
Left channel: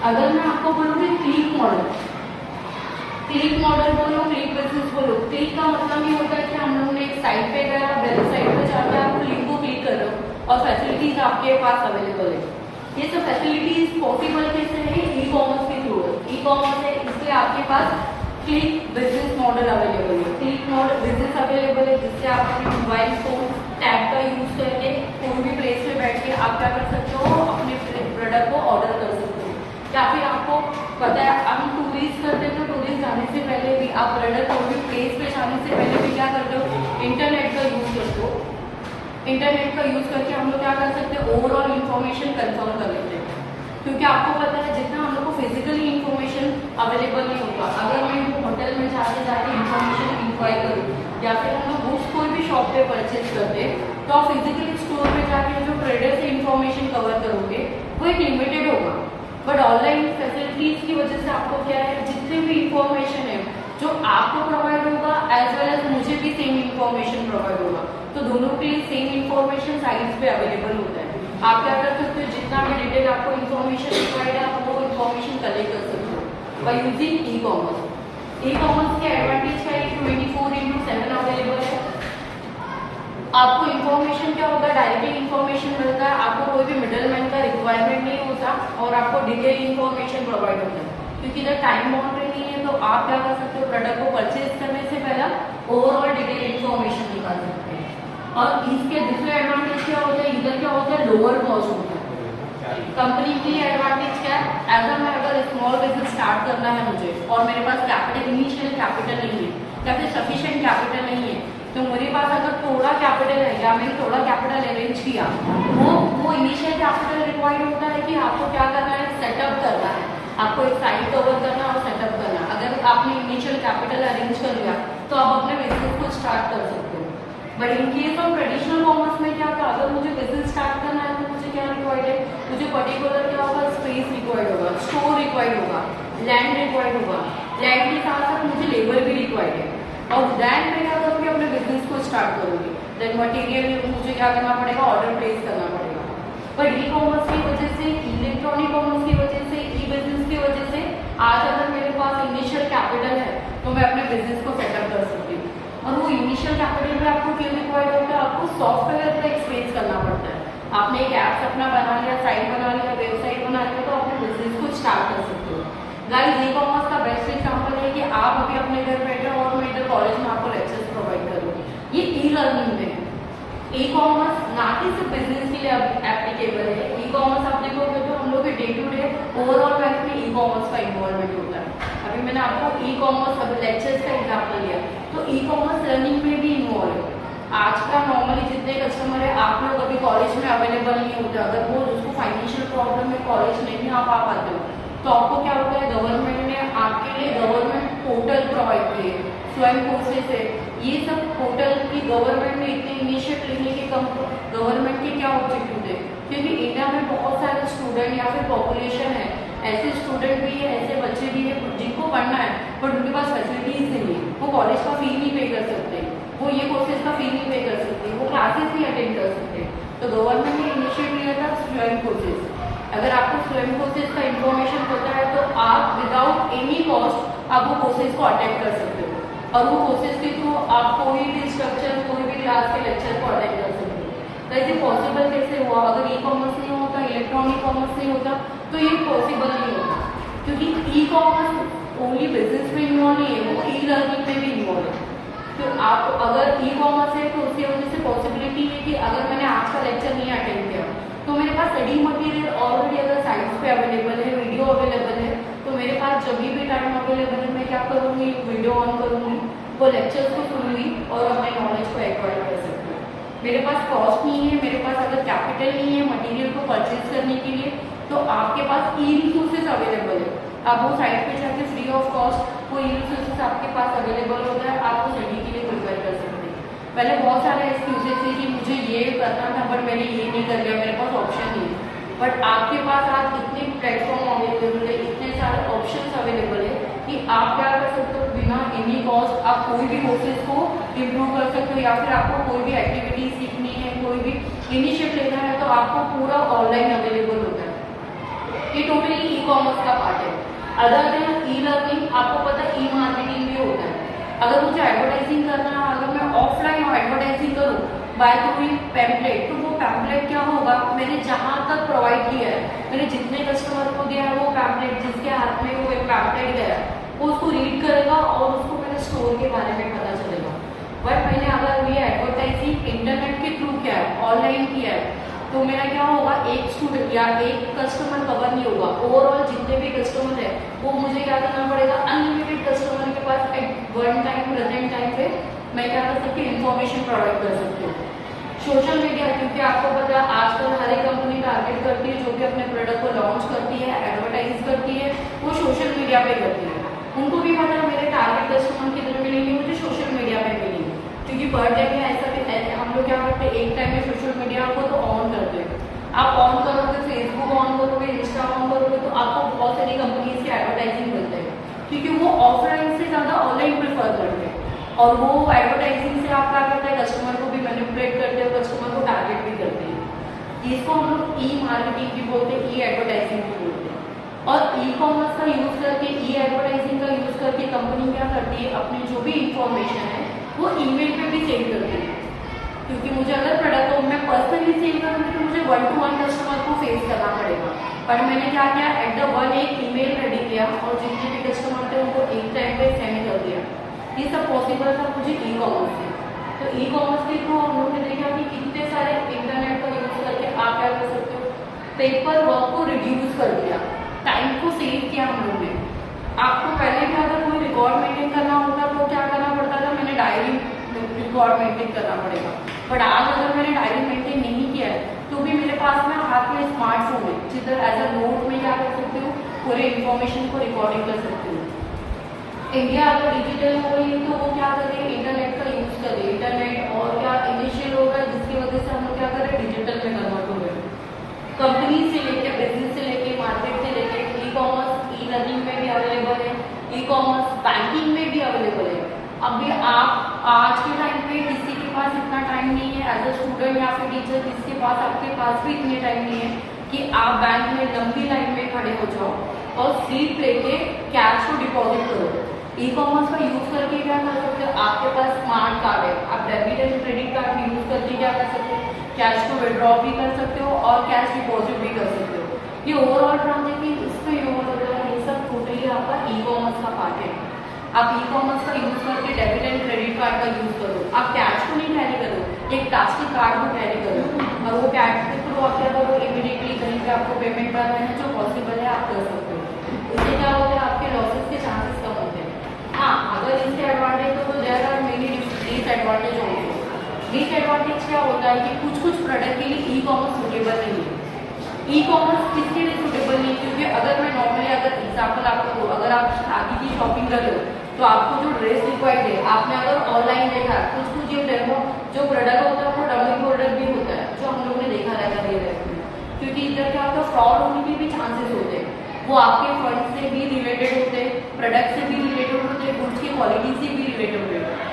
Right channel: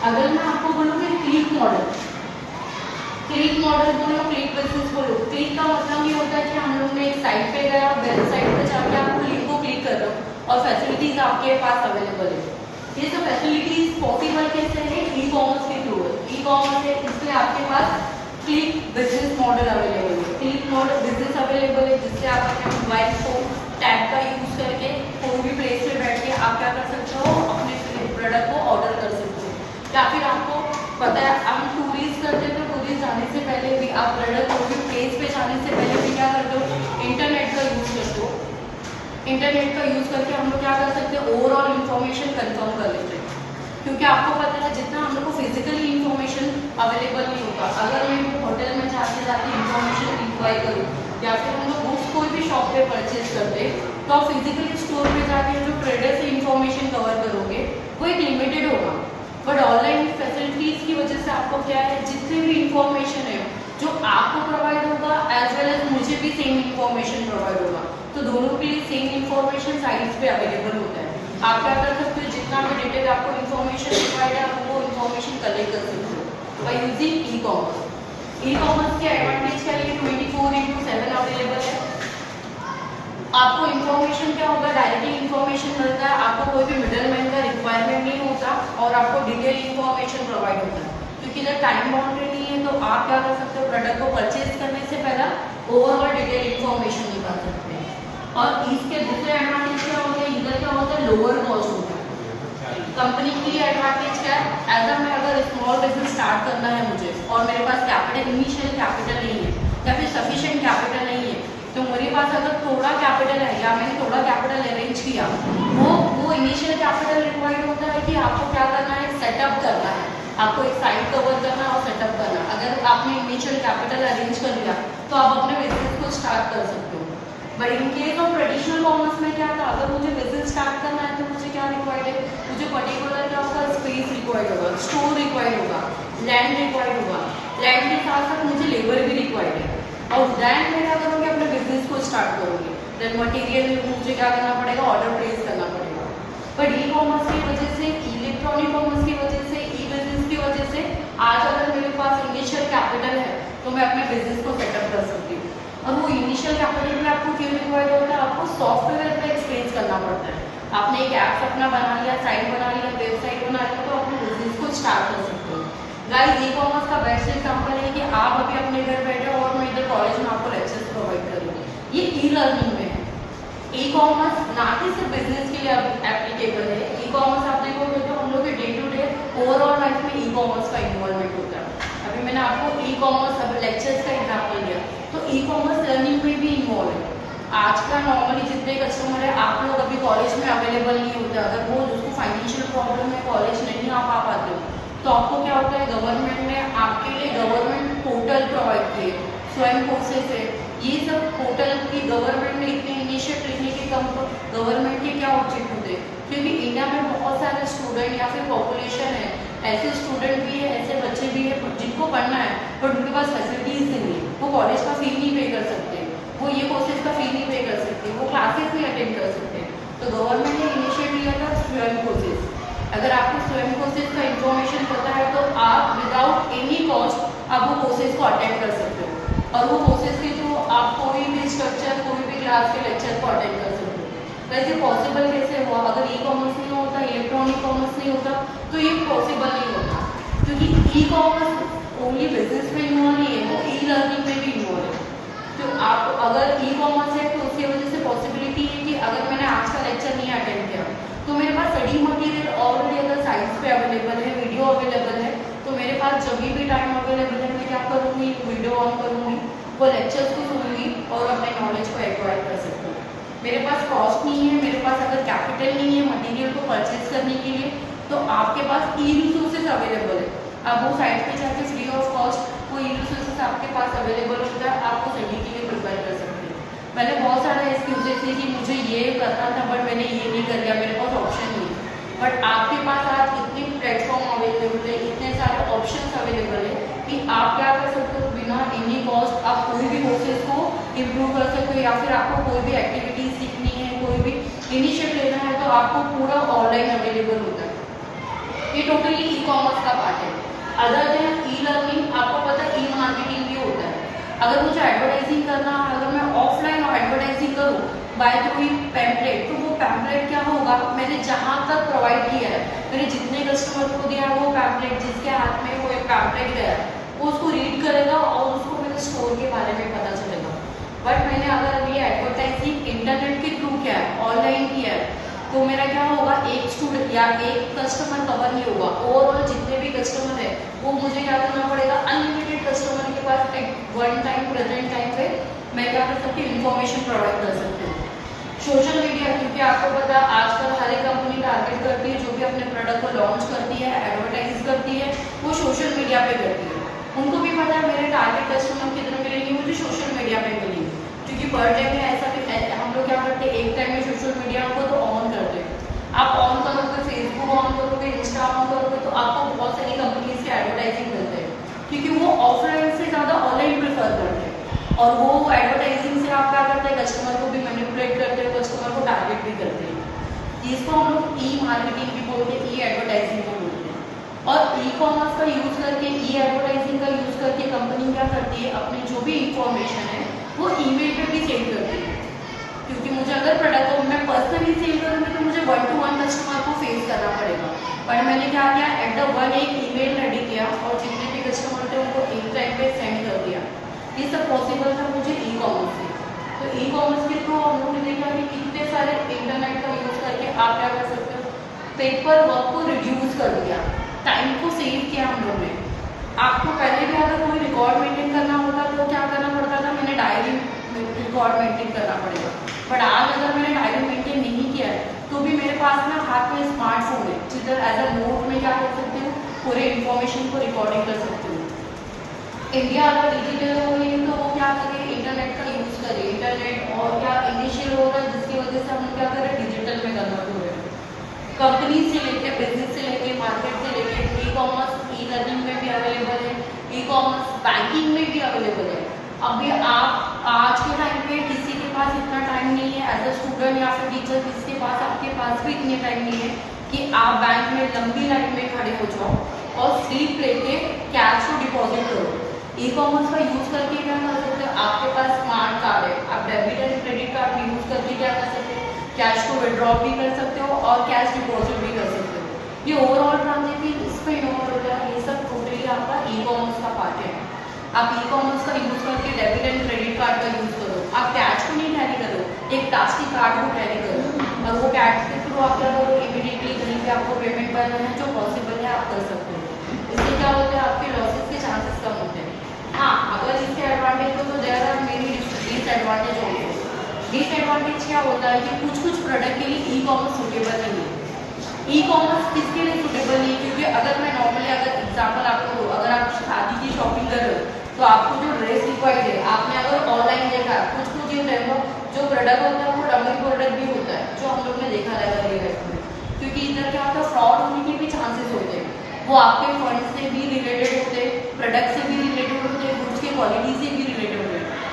अगर मैं आपको बोलूँ कि क्लिक मॉडल बोलो, क्लिक बिजनेस बोलो, क्लिक का मतलब ये होता है कि हम लोग ने एक साइट पे गया, वेबसाइट पे जाके आप लिंक को क्लिक कर रहे हो और फैसिलिटीज आपके पास अवेलेबल है। ये सब फैसिलिटीज पॉसिबल कैसे है, ई कॉमर्स के थ्रू है। ई कॉमर्स है, इसलिए आपके पास क्लिक बिजनेस मॉडल अवेलेबल है। क्लिक मॉडल बिजनेस अवेलेबल है जिससे आप अपने मोबाइल फोन टैब का यूज करके कोई भी प्लेस पे बैठ के आप क्या कर सकते हो, अपने प्रोडक्ट को ऑर्डर कर सकते हो। या फिर आपको पता है हम टूरिस्ट करते हैं, तो टूरिस्ट जाने से पहले भी आप प्रोडक्ट कोई भी प्लेस पे जाने से पहले भी क्या करते हो, इंटरनेट का यूज करते हो। इंटरनेट का यूज करके हम लोग क्या कर सकते हैं, ओवरऑल इन्फॉर्मेशन कंफर्म कर लेते हैं। क्योंकि आपको पता है जितना हम लोग को फिजिकली इन्फॉर्मेशन अवेलेबल नहीं होता, अगर मैं होटल में जाके इन्फॉर्मेशन इंक्वायर करूँ या फिर हम लोग बुक्स कोई भी शॉप पे परचेज करते हैं, तो आप फिजिकली स्टोर पे जाके जो ट्रेडर से इन्फॉर्मेशन कवर करोगे वो एक लिमिटेड होगा। बट ऑनलाइन फैसिलिटीज की वजह से आपको क्या है, जितने भी इंफॉर्मेशन है जो आपको प्रोवाइड होगा एज वेल एज मुझे भी सेम इंफॉर्मेशन प्रोवाइड होगा, तो दोनों के लिए सेम इंफॉर्मेशन साइट्स पे अवेलेबल होता है। आप क्या कर सकते हो, जितना भी डिटेल आपको इन्फॉर्मेशन रिक्वायर्ड है आप वो इन्फॉर्मेशन कलेक्ट कर सकते हो by using e commerce. E commerce के एडवांटेज क्या है, 24/7 अवेलेबल है। आपको इन्फॉर्मेशन क्या होगा, डायरेक्टली इन्फॉर्मेशन मिलता है, आपको कोई भी मिडलमैन का रिक्वायरमेंट नहीं होता और आपको डिटेल इन्फॉर्मेशन प्रोवाइड होता है। क्योंकि इधर टाइम बाउंड्री नहीं है, तो आप क्या कर सकते हो, प्रोडक्ट को परचेज करने से पहले ओवरऑल डिटेल इन्फॉर्मेशन निकाल सकते हैं। और इसके दूसरे एडवांटेज क्या होता है, इधर क्या होता है, लोअर कॉस्ट होता है। कंपनी की एडवांटेज क्या है, एज अ मैं अगर स्मॉल बिजनेस स्टार्ट करना है मुझे और मेरे पास कैपिटल, इनिशियल कैपिटल नहीं है या फिर सफिशिएंट कैपिटल नहीं है, तो मेरे पास अगर थोड़ा कैपिटल है या मैंने थोड़ा कैपिटल अरेंज किया, वो इनिशियल कैपिटल रिक्वायर्ड होता है कि आपको क्या करना है, सेटअप करना है, आपको एक साइट कवर करना और सेटअप करना। अगर आपने इनिशियल कैपिटल अरेंज कर लिया तो आप अपने बिजनेस को स्टार्ट कर सकते हो। But in case of traditional commerce में क्या था, अगर मुझे बिजनेस स्टार्ट करना है तो मुझे क्या रिक्वायर्ड है, मुझे पर्टिकुलर क्या होगा, स्पेस रिक्वायर्ड होगा, स्टोर रिक्वायर्ड होगा, लैंड रिक्वायर्ड होगा, लैंड के साथ साथ मुझे लेबर भी रिक्वायर्ड है। और दैन मैं क्या करूँगी, अपने बिजनेस को स्टार्ट करूँगी। देन मटेरियल मुझे क्या करना पड़ेगा, ऑर्डर प्लेस करना पड़ेगा। पर ई कॉमर्स की वजह से, इलेक्ट्रॉनिक कॉमर्स की वजह से, ई बिजनेस की वजह से आज अगर मेरे पास इनिशियल कैपिटल है तो मैं अपने बिजनेस को सेटअप कर सकती हूँ। और वो इनिशियल कैपिटल में आपको क्यों रिक्वायर्ड होता है, आपको सॉफ्टवेयर पे एक्सपेंस करना पड़ता है। आपने एक ऐप अपना बना लिया, साइट बना लिया, वेबसाइट बना लिया, तो अपने बिजनेस को स्टार्ट कर सकते हो। गाइस, ई कॉमर्स का बेस्ट एग्जांपल है कि आप अभी अपने घर बैठे हो और मैं इधर कॉलेज में आपको लेक्चर्स प्रोवाइड कर रही हूँ, ये ई लर्निंग में है। ई कॉमर्स ना कि सिर्फ बिजनेस के लिए एप्लीकेबल है, ई कॉमर्स आप देखोगे तो हम लोग के day to day overall life में ई कॉमर्स का इन्वॉल्वमेंट होता है। अभी मैंने आपको ई कॉमर्स अब लेक्चर्स का एग्जाम्पल दिया, तो ई कॉमर्स लर्निंग में भी इन्वॉल्व है। आज का नॉर्मली जितने कस्टमर है, आप लोग अभी कॉलेज में अवेलेबल नहीं होते, अगर वो जिसको फाइनेंशियल प्रॉब्लम है, कॉलेज नहीं आप आ पाते हो, तो आपको क्या होता है, गवर्नमेंट ने आपके लिए गवर्नमेंट पोर्टल प्रोवाइड किए, स्वयं कोर्सेस है, ये सब पोर्टल की गवर्नमेंट ने इतने इनिशिएट लेने के गवर्नमेंट के क्या ऑब्जेक्टिव थे, क्योंकि इंडिया में बहुत सारे स्टूडेंट या फिर पॉपुलेशन है, ऐसे स्टूडेंट भी है, ऐसे बच्चे भी है जिनको पढ़ना है बट उनके पास फैसिलिटीज नहीं है, वो कॉलेज का फी नहीं पे कर सकते, वो ये कोर्सेज का फी नहीं पे कर सकते, वो क्लासेस नहीं अटेंड कर सकते। तो गवर्नमेंट ने इनिशिएट लिया था स्वयं कोर्सेज। अगर आपको स्वयं कोर्सेज का इन्फॉर्मेशन पता है तो आप विदाउट एनी कॉस्ट आप वो कोर्सेज को अटेंड कर सकते हो, और वो कोर्सेज के थ्रू आप कोई भी स्ट्रक्चर, कोई भी क्लास के लेक्चर को अटेंड कर सकते हो। तो ऐसे पॉसिबल कैसे हुआ, अगर ई कॉमर्स नहीं होता, इलेक्ट्रॉनिक कॉमर्स नहीं होता, तो ये पॉसिबल नहीं होता, क्योंकि ई कॉमर्स ओनली बिजनेस में इन्वॉल्व नहीं है, वो ई लर्निंग में भी इन्वॉल्व है। तो आप अगर ई कॉमर्स है तो उसकी वजह से पॉसिबिलिटी है कि अगर मैंने आज का लेक्चर नहीं अटेंड किया तो मेरे पास स्टडी मटेरियल ऑलरेडी अगर साइट्स पे अवेलेबल है, वीडियो अवेलेबल है, तो मेरे पास जब भी टाइम अवेलेबल है मैं क्या करूँगी, वीडियो ऑन करूँगी, वो लेक्चर्स को सुनूंगी और अपने नॉलेज को एक्वायर कर सकती हूँ। मेरे पास कॉस्ट नहीं है, मेरे पास अगर कैपिटल नहीं है मटेरियल को परचेज करने के लिए, तो आपके पास ई रिसोर्सेज अवेलेबल है। आप वो साइट पे जाके फ्री ऑफ कॉस्ट वो ई रिसोर्सेज आपके पास अवेलेबल होता है, आप वो स्टडी के लिए प्रिपेयर कर सकते हैं। पहले बहुत सारे एक्सक्यूजेस थे कि मुझे ये करना था बट मैंने ये नहीं कर लिया, मेरे पास ऑप्शन नहीं है। बट आपके पास आज इतने प्लेटफॉर्म अवेलेबल है, इतने सारे ऑप्शंस अवेलेबल है कि आप क्या कर सकते हो, बिना एनी कॉस्ट आप कोई भी कोर्सेज को इम्प्रूव कर सकते हो, या फिर आपको कोई भी एक्टिविटी सीखनी है, कोई भी इनिशिएटिव लेना है, तो आपको पूरा ऑनलाइन अवेलेबल होता है। ये टोटली ई कॉमर्स का पार्ट है। अदर देन ई लर्निंग, आपको पता है ई मार्केटिंग भी होता है। अगर मुझे एडवर्टाइजिंग करना है, अगर मैं ऑफलाइन और एडवर्टाइजिंग करूँ बाय थ्रू पैम्पलेट, तो वो पैम्पलेट क्या होगा, मैंने जहाँ तक प्रोवाइड किया है, मैंने जितने कस्टमर को दिया है वो पैम्पलेट, जिसके हाथ में वो एक पैम्पलेट गया वो उसको रीड करेगा और उसको मेरे स्टोर के बारे में पता चलेगा। बट मैंने अगर ये एडवर्टाइजिंग इंटरनेट के थ्रू किया है, ऑनलाइन किया है, तो मेरा क्या होगा, एक स्टूडेंट या एक कस्टमर कवर नहीं होगा, ओवरऑल जितने भी कस्टमर है वो मुझे क्या करना पड़ेगा, अनलिमिटेड कस्टमर के पास at one time present time पे मैं क्या कर सकती हूँ, इन्फॉर्मेशन प्रोवाइड कर सकती हूँ। सोशल मीडिया, क्योंकि आपको पता है आजकल हर एक कंपनी टारगेट करती है, जो भी अपने प्रोडक्ट को लॉन्च करती है, एडवर्टाइज करती है, वो सोशल मीडिया पे करती है। उनको भी पता है मेरे टारगेट कस्टमर कितने मिलेंगे, मुझे सोशल मीडिया पे मिलेंगे, क्योंकि पर डे में ऐसा भी हम लोग क्या करते हैं, एक टाइम में सोशल मीडिया को तो ऑन करते हैं। आप ऑन करोगे, फेसबुक ऑन करोगे, इंस्टा ऑन करोगे, तो आपको बहुत सारी कंपनीज की एडवर्टाइजिंग करते हैं, क्योंकि वो ऑफलाइन से ज़्यादा ऑनलाइन प्रेफर करते हैं। और वो एडवर्टाइजिंग से आप क्या करते हैं, कस्टमर को भी मैनिपुलेट करते हो, कस्टमर को टारगेट भी करते हैं। इसको हम लोग ई मार्केटिंग भी बोलते हैं, ई एडवर्टाइजिंग भी बोलते हैं। और ई कॉमर्स का यूज़ करके, ई एडवर्टाइजिंग का यूज़ करके कंपनी क्या करती है, अपनी जो भी इंफॉर्मेशन है वो ईमेल पे भी सेल करती है। क्योंकि मुझे अगर प्रोडक्ट को मैं पर्सनली सेल करूँगी तो मुझे 1-to-1 कस्टमर को फेस करना पड़ेगा। पर मैंने क्या किया, एट द वन एक ईमेल रेडी किया और जितने भी कस्टमर थे उनको एक टाइम पे सेंड कर दिया। ये सब पॉसिबल था मुझे ई कॉमर्स से। तो ई कॉमर्स के थ्रू हम लोग ने देखा कि कितने सारे इंटरनेट का यूज़ करके आप क्या कर सकते हो, पेपर वर्क को रिड्यूस कर दिया, टाइम को सेव किया हम लोग ने। आपको पहले भी अगर कोई रिकॉर्ड मेंटेन करना होता तो क्या करना पड़ता था, मैंने डायरी रिकॉर्ड मेंटेन करना पड़ेगा। बट आज अगर मैंने डायरी मेंटेन नहीं किया है तो भी मेरे पास में हाथ में स्मार्टफोन है, जिधर एज अ नोट में क्या कर सकती हूँ, पूरे इन्फॉर्मेशन को रिकॉर्डिंग कर सकती हूँ। इंडिया अगर डिजिटल हो रही है तो वो क्या करें, इंटरनेट का यूज़ करें। इंटरनेट और क्या इनिशियल हो रहा है, जिसकी वजह से हम लोग क्या कर रहे हैं, डिजिटल में कन्वर्ट हो रहे हैं। कंपनी से लेके, बिजनेस से लेके, मार्केट से लेके, ई कॉमर्स ई लर्निंग में भी अवेलेबल है, ई कॉमर्स बैंकिंग में भी अवेलेबल है। अभी आप आज के टाइम पे किसी के पास इतना टाइम नहीं है, एज अ स्टूडेंट या फिर टीचर किसके पास, आपके पास भी इतने टाइम नहीं है कि आप बैंक में लंबी लाइन में खड़े हो जाओ और स्लिप लेके कैश को डिपॉजिट करो। ई कॉमर्स का यूज़ करके क्या कर सकते हो, आपके पास स्मार्ट कार्ड है, आप debit and credit card use करके क्या कर सकते हो, कैश को विड्रॉ भी कर सकते हो और कैश डिपॉजिट भी कर सकते हो। ये ओवरऑल ट्रांजेक्शन इसमें इन्वॉल्व होता है, ये सब टोटली आपका ई कॉमर्स का पार्ट है। आप ई कॉमर्स का यूज़ करके डेबिट एंड क्रेडिट कार्ड का यूज़ करो, आप कैश को नहीं कैरी करो, एक प्लास्टिक कार्ड को कैरी करो और वो कैश के थ्रू आप क्या करो, इमीडिएटली कहीं पे आपको पेमेंट करना है, जो पॉसिबल है आप कर सकते हो। इससे क्या होता है, आपके लॉसेस के चांसेस कम होते हैं। हाँ, अगर इसके एडवांटेज हो तो there are many disadvantage also. Disadvantage क्या होता है कि कुछ कुछ प्रोडक्ट के लिए ई कॉमर्स सूटेबल नहीं है। ई कॉमर्स किसके लिए सूटेबल नहीं है, क्योंकि अगर मैं नॉर्मली अगर एग्जाम्पल आपको दूँ, अगर आप शादी की शॉपिंग कर रहे हो तो आपको जो ड्रेस रिक्वायर्ड है, आपने अगर ऑनलाइन देखा है, कुछ कुछ ये देखो जो प्रोडक्ट होता है वो डमी प्रोडक्ट भी होता है, जो हम लोग ने देखा रहेगा रियल लाइफ में। क्योंकि इधर क्या होता है, फ्रॉड होने के भी चांसेस होते हैं। वो आपके फंड से भी रिलेटेड होते हैं, प्रोडक्ट से भी रिलेटेड होते हैं, गुड्स की क्वालिटी से भी रिलेटेड होते हैं।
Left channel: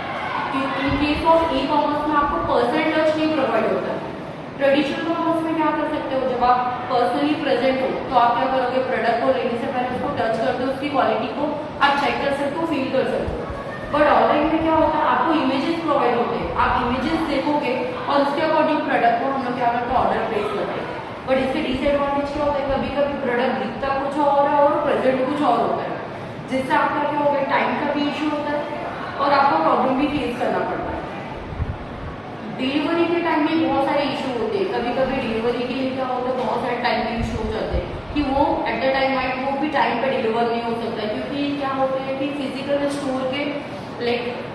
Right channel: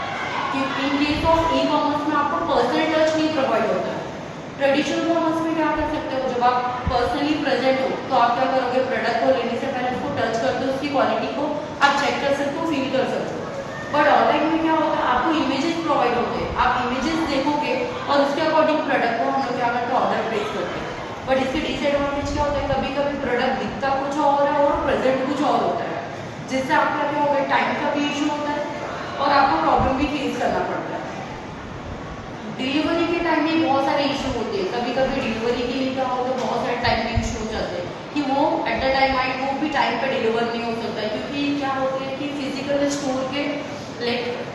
इन केस ऑफ ई कॉमर्स में आपको पर्सनल टच नहीं प्रोवाइड होता है। ट्रेडिशनल कॉमर्स में क्या कर सकते हो, जब आप पर्सनली प्रेजेंट हो तो आप क्या करोगे, प्रोडक्ट को लेने से पहले उसको टच करते हो, उसकी क्वालिटी को आप चेक कर सकते हो, फील कर सकते हो। बट ऑनलाइन में क्या होता है, आपको इमेजेस प्रोवाइड होते हैं, आप इमेजेस देखोगे और उसके अकॉर्डिंग प्रोडक्ट को हम लोग क्या करते हैं, ऑर्डर प्लेस करते हैं। बट इसके डिसएडवांटेज क्या होता है, कभी कभी प्रोडक्ट दिखता कुछ और है और प्रेजेंट कुछ और होता है, जिससे आपका क्या होगा, टाइम का भी इशू होता है और आपको प्रॉब्लम भी फेस करना पड़ता है। डिलीवरी के टाइम में बहुत सारे इशू होते हैं। कभी कभी डिलीवरी के लिए क्या होता है, बहुत सारे टाइम में इशू हो जाते हैं कि वो एट द टाइम आए वो भी टाइम पे डिलीवर नहीं हो सकता है, क्योंकि क्या होता है कि फिजिकल स्टोर के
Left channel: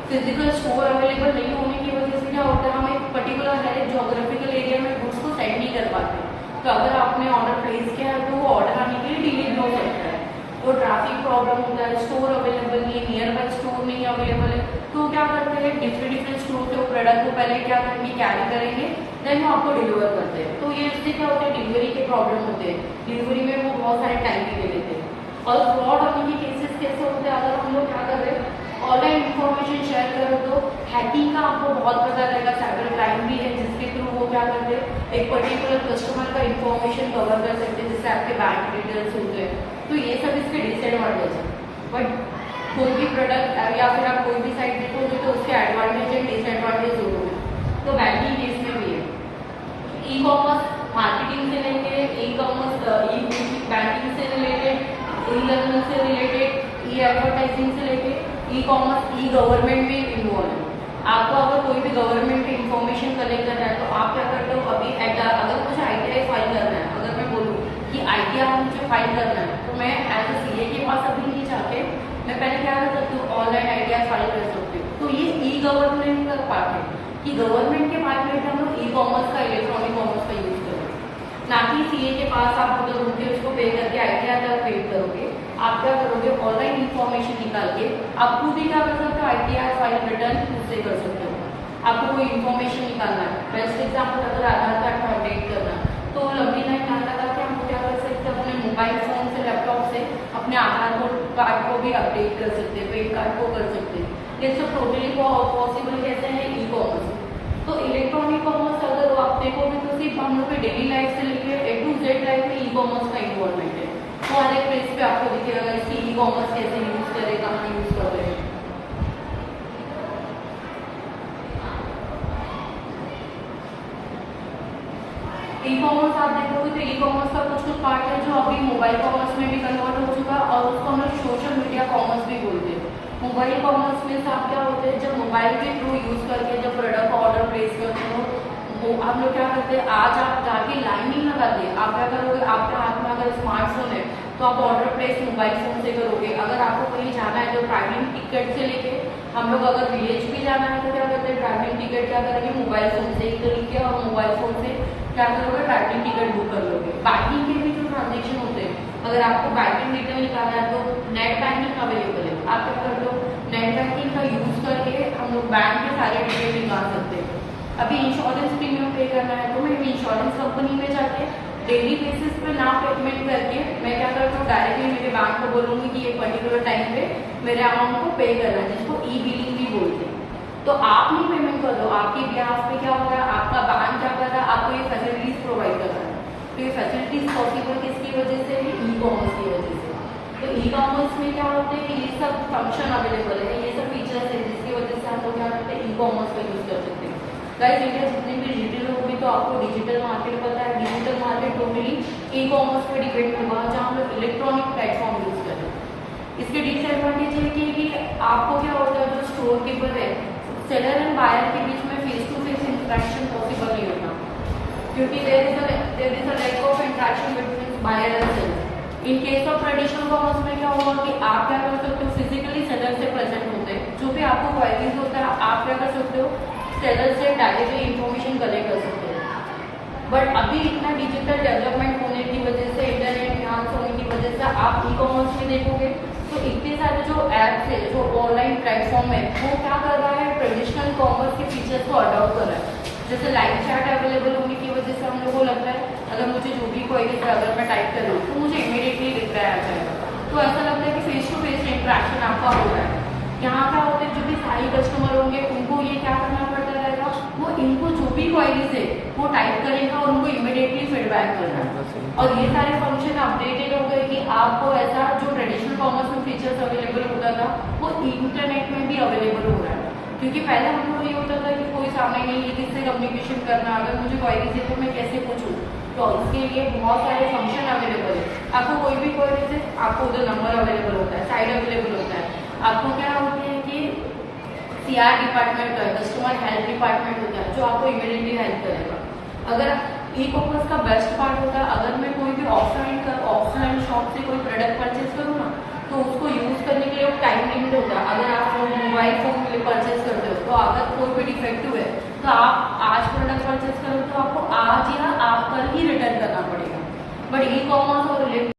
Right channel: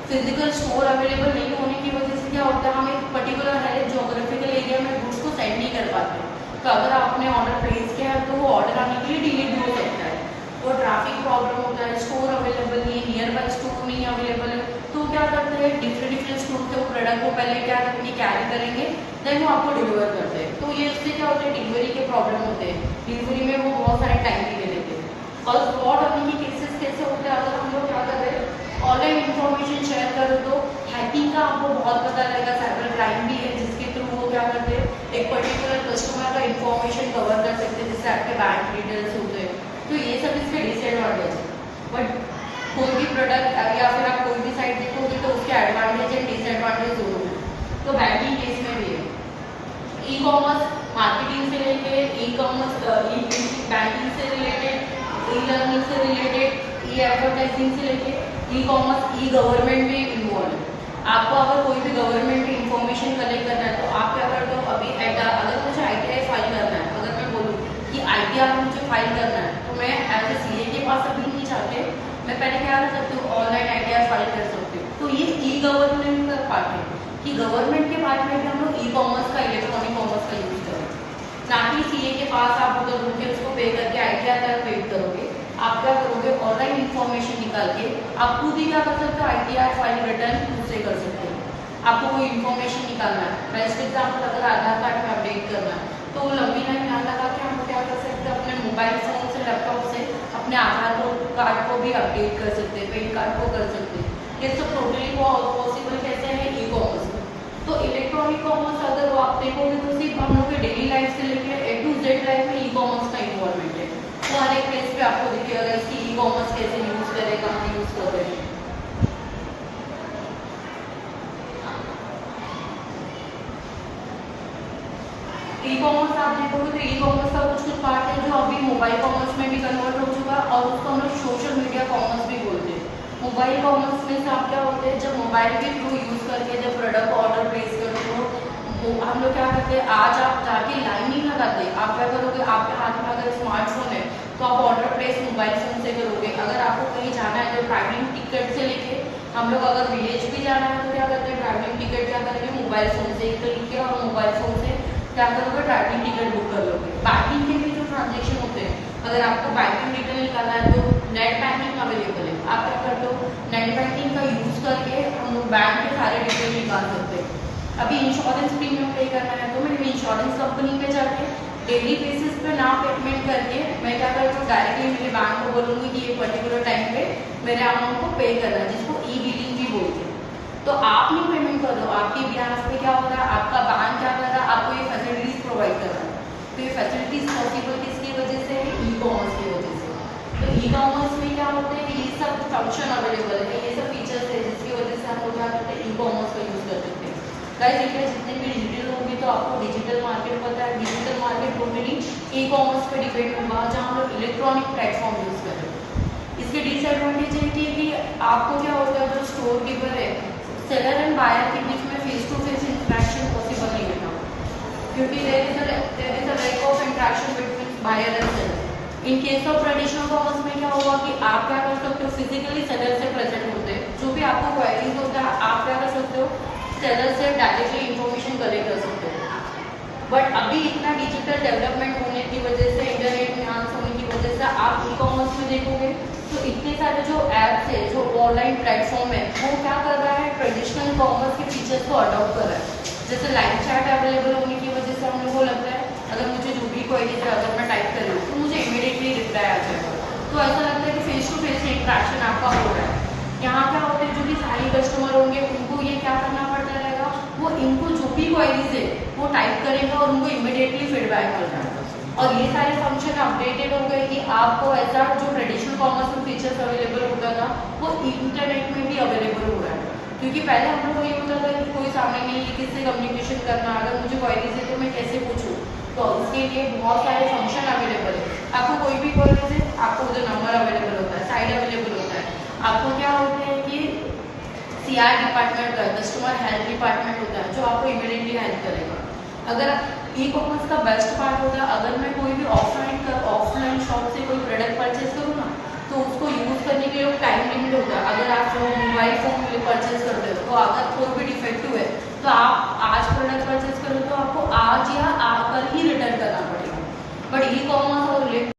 फिजिकल स्टोर अवेलेबल नहीं होने की वजह से क्या होता है, हम एक पर्टिकुलर है जोग्राफिकल एरिया में गुड्स को सेंड नहीं कर पाते। तो अगर आपने ऑर्डर प्लेस किया है तो वो ऑर्डर आने के लिए डिले भी हो सकता है, वो ट्रैफिक प्रॉब्लम होता है, स्टोर अवेलेबल नहीं है, नियर बाई स्टोर नहीं अवेलेबल है। तो क्या करते हैं, डिफरेंट स्टोर से वो प्रोडक्ट को पहले क्या करेंगे, कैरी करेंगे, देन वो आपको डिलीवर करते हैं। तो ये इससे क्या होता है, डिलीवरी के प्रॉब्लम होते हैं, डिलीवरी में वो बहुत सारे टाइम भी ले लेते हैं। और फ्रॉड होने के केसेस कैसे होते हैं, अगर हम लोग क्या कर रहे हैं, ऑनलाइन इन्फॉर्मेशन शेयर करो तो हैकिंग का आपको बहुत पता रहेगा, साइबर क्राइम भी है जिसके थ्रू वो क्या करते हैं, एक पर्टिकुलर कस्टमर का इन्फॉर्मेशन कवर कर सकते हैं, जैसे आपके बैंक डिटेल्स होते हैं। तो ये सब इसके डिसएडवांटेज है। बट कोई भी प्रोडक्ट या फिर आप कोई भी साइट देखोगे तो उसके एडवांटेज एंड डिसएडवांटेज दोनों है। तो बैंकिंग केस में भी है, ई कॉमर्स मार्केटिंग से लेके ई कॉमर्स बैंकिंग से रिलेटेड, ई लर्निंग से रिलेटेड, ई एडवर्टाइजिंग से लेके ई कॉमर्स, ई गवर्नमेंट भी इन्वॉल्व है। आपको अगर कोई भी गवर्नमेंट की इन्फॉर्मेशन कलेक्ट करना है तो आप क्या करते हो, अभी अगर मुझे ITI फाइल करना है, अगर मैं बोलूँ कि ITI मुझे फाइल करना है तो मैं एज ए CA के पास अभी नहीं चाहते, मैं पहले क्या कर सकती हूँ, ऑनलाइन ITI फाइल कर सकती हूँ। तो ये ई गवर्नमेंट का पार्ट है कि गवर्नमेंट के पार्ट में हम लोग ई कॉमर्स का, इलेक्ट्रॉनिक कॉमर्स का यूज करें, ना कि CA के पास आप उधर घूम के उसको पे करके ITI का पेड करोगे। आप क्या करोगे, ऑनलाइन इन्फॉर्मेशन निकाल के आप खुद ही क्या कर सकते हो, ITI फाइल रिटर्न खुद से कर सकते हो। आपको कोई इन्फॉर्मेशन निकालना है, बेस्ट एग्जाम्पल अगर आधार कार्ड में अपडेट करना है तो लंबी लाइन ना लगा के हम क्या कर सकते हैं, अपने मोबाइल फोन से, लैपटॉप से अपने आधार कार्ड को भी अपडेट कर सकते हैं, पैन कार्ड को कर सकते हैं। ये सब टोटली पॉसिबल कैसे है, ई कॉमर्स। तो इलेक्ट्रॉनिक कॉमर्स अगर वो आप देखोगे तो सिर्फ हम लोग के डेली लाइफ से लेकर A to Z लाइफ में ई कॉमर्स का इन्वॉल्वमेंट है। तो हर एक पेज पे आपको दिखेगा इसकी ई कॉमर्स कैसे यूज करें, कहाँ यूज कर रहे हैं। ई कॉमर्स आप देखोगे तो ई कॉमर्स का कुछ पार्ट है जो अभी मोबाइल कॉमर्स में भी कन्वर्ट हो चुका है, और उसको हम लोग सोशल मीडिया कॉमर्स भी बोलते हैं। मोबाइल कॉमर्स में आप क्या होते हैं, जब मोबाइल के थ्रू यूज करके जब प्रोडक्ट का ऑर्डर प्लेस करते हो, वो हम लोग क्या करते हैं, आज आप जाके लाइन नहीं लगाते, आप क्या करोगे, आपके हाथ में अगर स्मार्टफोन है तो आप ऑर्डर प्लेस मोबाइल फोन से करोगे। अगर आपको कहीं जाना है तो ट्रैवलिंग टिकट से लेके हम लोग अगर विलेज भी जाना है तो क्या करते हैं, ट्रैवलिंग टिकट क्या करेंगे, मोबाइल फोन से ही करेंगे और मोबाइल फोन से क्या करोगे, ट्रैवलिंग टिकट बुक कर लोगे। बैंकिंग के भी जो ट्रांजेक्शन होते हैं, अगर आपको बैंकिंग डिटेल निकालना है तो नेट बैंकिंग अवेलेबल है, आप क्या करते हो, नेट बैंकिंग का यूज करके हम लोग बैंक के सारे डिटेल निकाल सकते हैं। अभी इंश्योरेंस प्रीमियम पे करना है तो मैं इंश्योरेंस कंपनी में जाके डेली बेसिस पे ना पेमेंट करके मैं क्या करता हूँ, डायरेक्टली मेरे बैंक को बोलूँगी कि एक पर्टिकुलर टाइम पे मेरे अमाउंट को पे करना है, जिसको ई बिलिंग भी बोलते हैं। तो आप नहीं पेमेंट कर दो, आपके बिहाफ पे क्या हो रहा है, आपका बैंक क्या कर रहा है, आपको ये फैसिलिटीज प्रोवाइड कर रहा है। तो ये फैसिलिटीज पॉसिबल किसकी वजह से है, ई कॉमर्स की वजह से। तो ई कॉमर्स में क्या होता है कि ये सब फंक्शन अवेलेबल है, ये सब फीचर्स है जिसकी वजह से हम लोग क्या करते हैं, ई कॉमर्स का यूज कर सकते हैं। गाइस इंडिया जितने भी डिजिटल होगी तो आपको डिजिटल मार्केट पता है, digital market totally e commerce पे डिपेंड होगा, जहाँ हम लोग इलेक्ट्रॉनिक प्लेटफॉर्म यूज कर रहे हैं। इसके डिसएडवांटेज है कि आपको क्या होता है, जो स्टोर कीपर है, सेलर एंड बायर के बीच में face to face interaction possible नहीं होता, क्योंकि there is a lack of interaction between buyer and seller. In case of traditional commerce में क्या होगा कि आप क्या कर सकते हो, फिजिकली सेलर से प्रेजेंट होते हैं, जो भी आपको क्वायरीज होता है आप क्या कर सकते हो, सेलर से डायरेक्टली इंफॉर्मेशन कलेक्ट कर सकते हैं। बट अभी इतना डिजिटल डेवलपमेंट होने की वजह से, इंटरनेट एनहांस होने की वजह से आप ई कॉमर्स में देखोगे तो इतने सारे जो ऐप्स है, जो ऑनलाइन प्लेटफॉर्म है, वो क्या कर रहा है, ट्रेडिशनल कॉमर्स के फीचर्स को अडॉप्ट कर रहा है। जैसे लाइव चैट अवेलेबल होने की वजह से हम लोग को लगता है अगर मुझे जो भी क्वेरी है अगर मैं टाइप कर रही हूँ तो मुझे इमीडिएटली रिप्लाई आ जाएगा। तो ऐसा लगता है कि फेस टू फेस इंटरेक्शन आपका हो रहा है। यहाँ क्या होता है, जो भी सारी कस्टमर होंगे उनको ये क्या करना पड़ता रहेगा, वो इनको जो भी क्वेरीज है वो टाइप करेगा और उनको इमीडिएटली फीडबैक करना है। और ये सारे फंक्शन अपडेटेड हो गए कि आपको ऐसा जो ट्रेडिशनल कॉमर्स में फीचर्स अवेलेबल होता था वो इंटरनेट में भी अवेलेबल हो रहा है। क्योंकि पहले हम लोग को ये होता था कि कोई सामने नहीं है, किससे कम्युनिकेशन करना, अगर मुझे क्वेरीज है तो मैं कैसे पूछूँ। तो इसके लिए बहुत सारे फंक्शन अवेलेबल है। आपको कोई भी क्वेरीज है आपको उधर नंबर अवेलेबल होता है, साइड अवेलेबल होता है। आपको क्या होता है कि CR डिपार्टमेंट होता है, कस्टमर हेल्प डिपार्टमेंट होता है, जो आपको इमीडिएटली हेल्प करेगा। अगर ई कॉमर्स का बेस्ट पार्ट होता है, अगर मैं कोई भी ऑफलाइन शॉप से कोई प्रोडक्ट परचेज करूँ ना, तो उसको यूज़ करने के लिए एक टाइम लिमिट होता है। अगर आप मोबाइल फ़ोन परचेज करते हो, तो अगर कोई भी डिफेक्टिव है तो आप आज प्रोडक्ट परचेज करो तो आपको आज या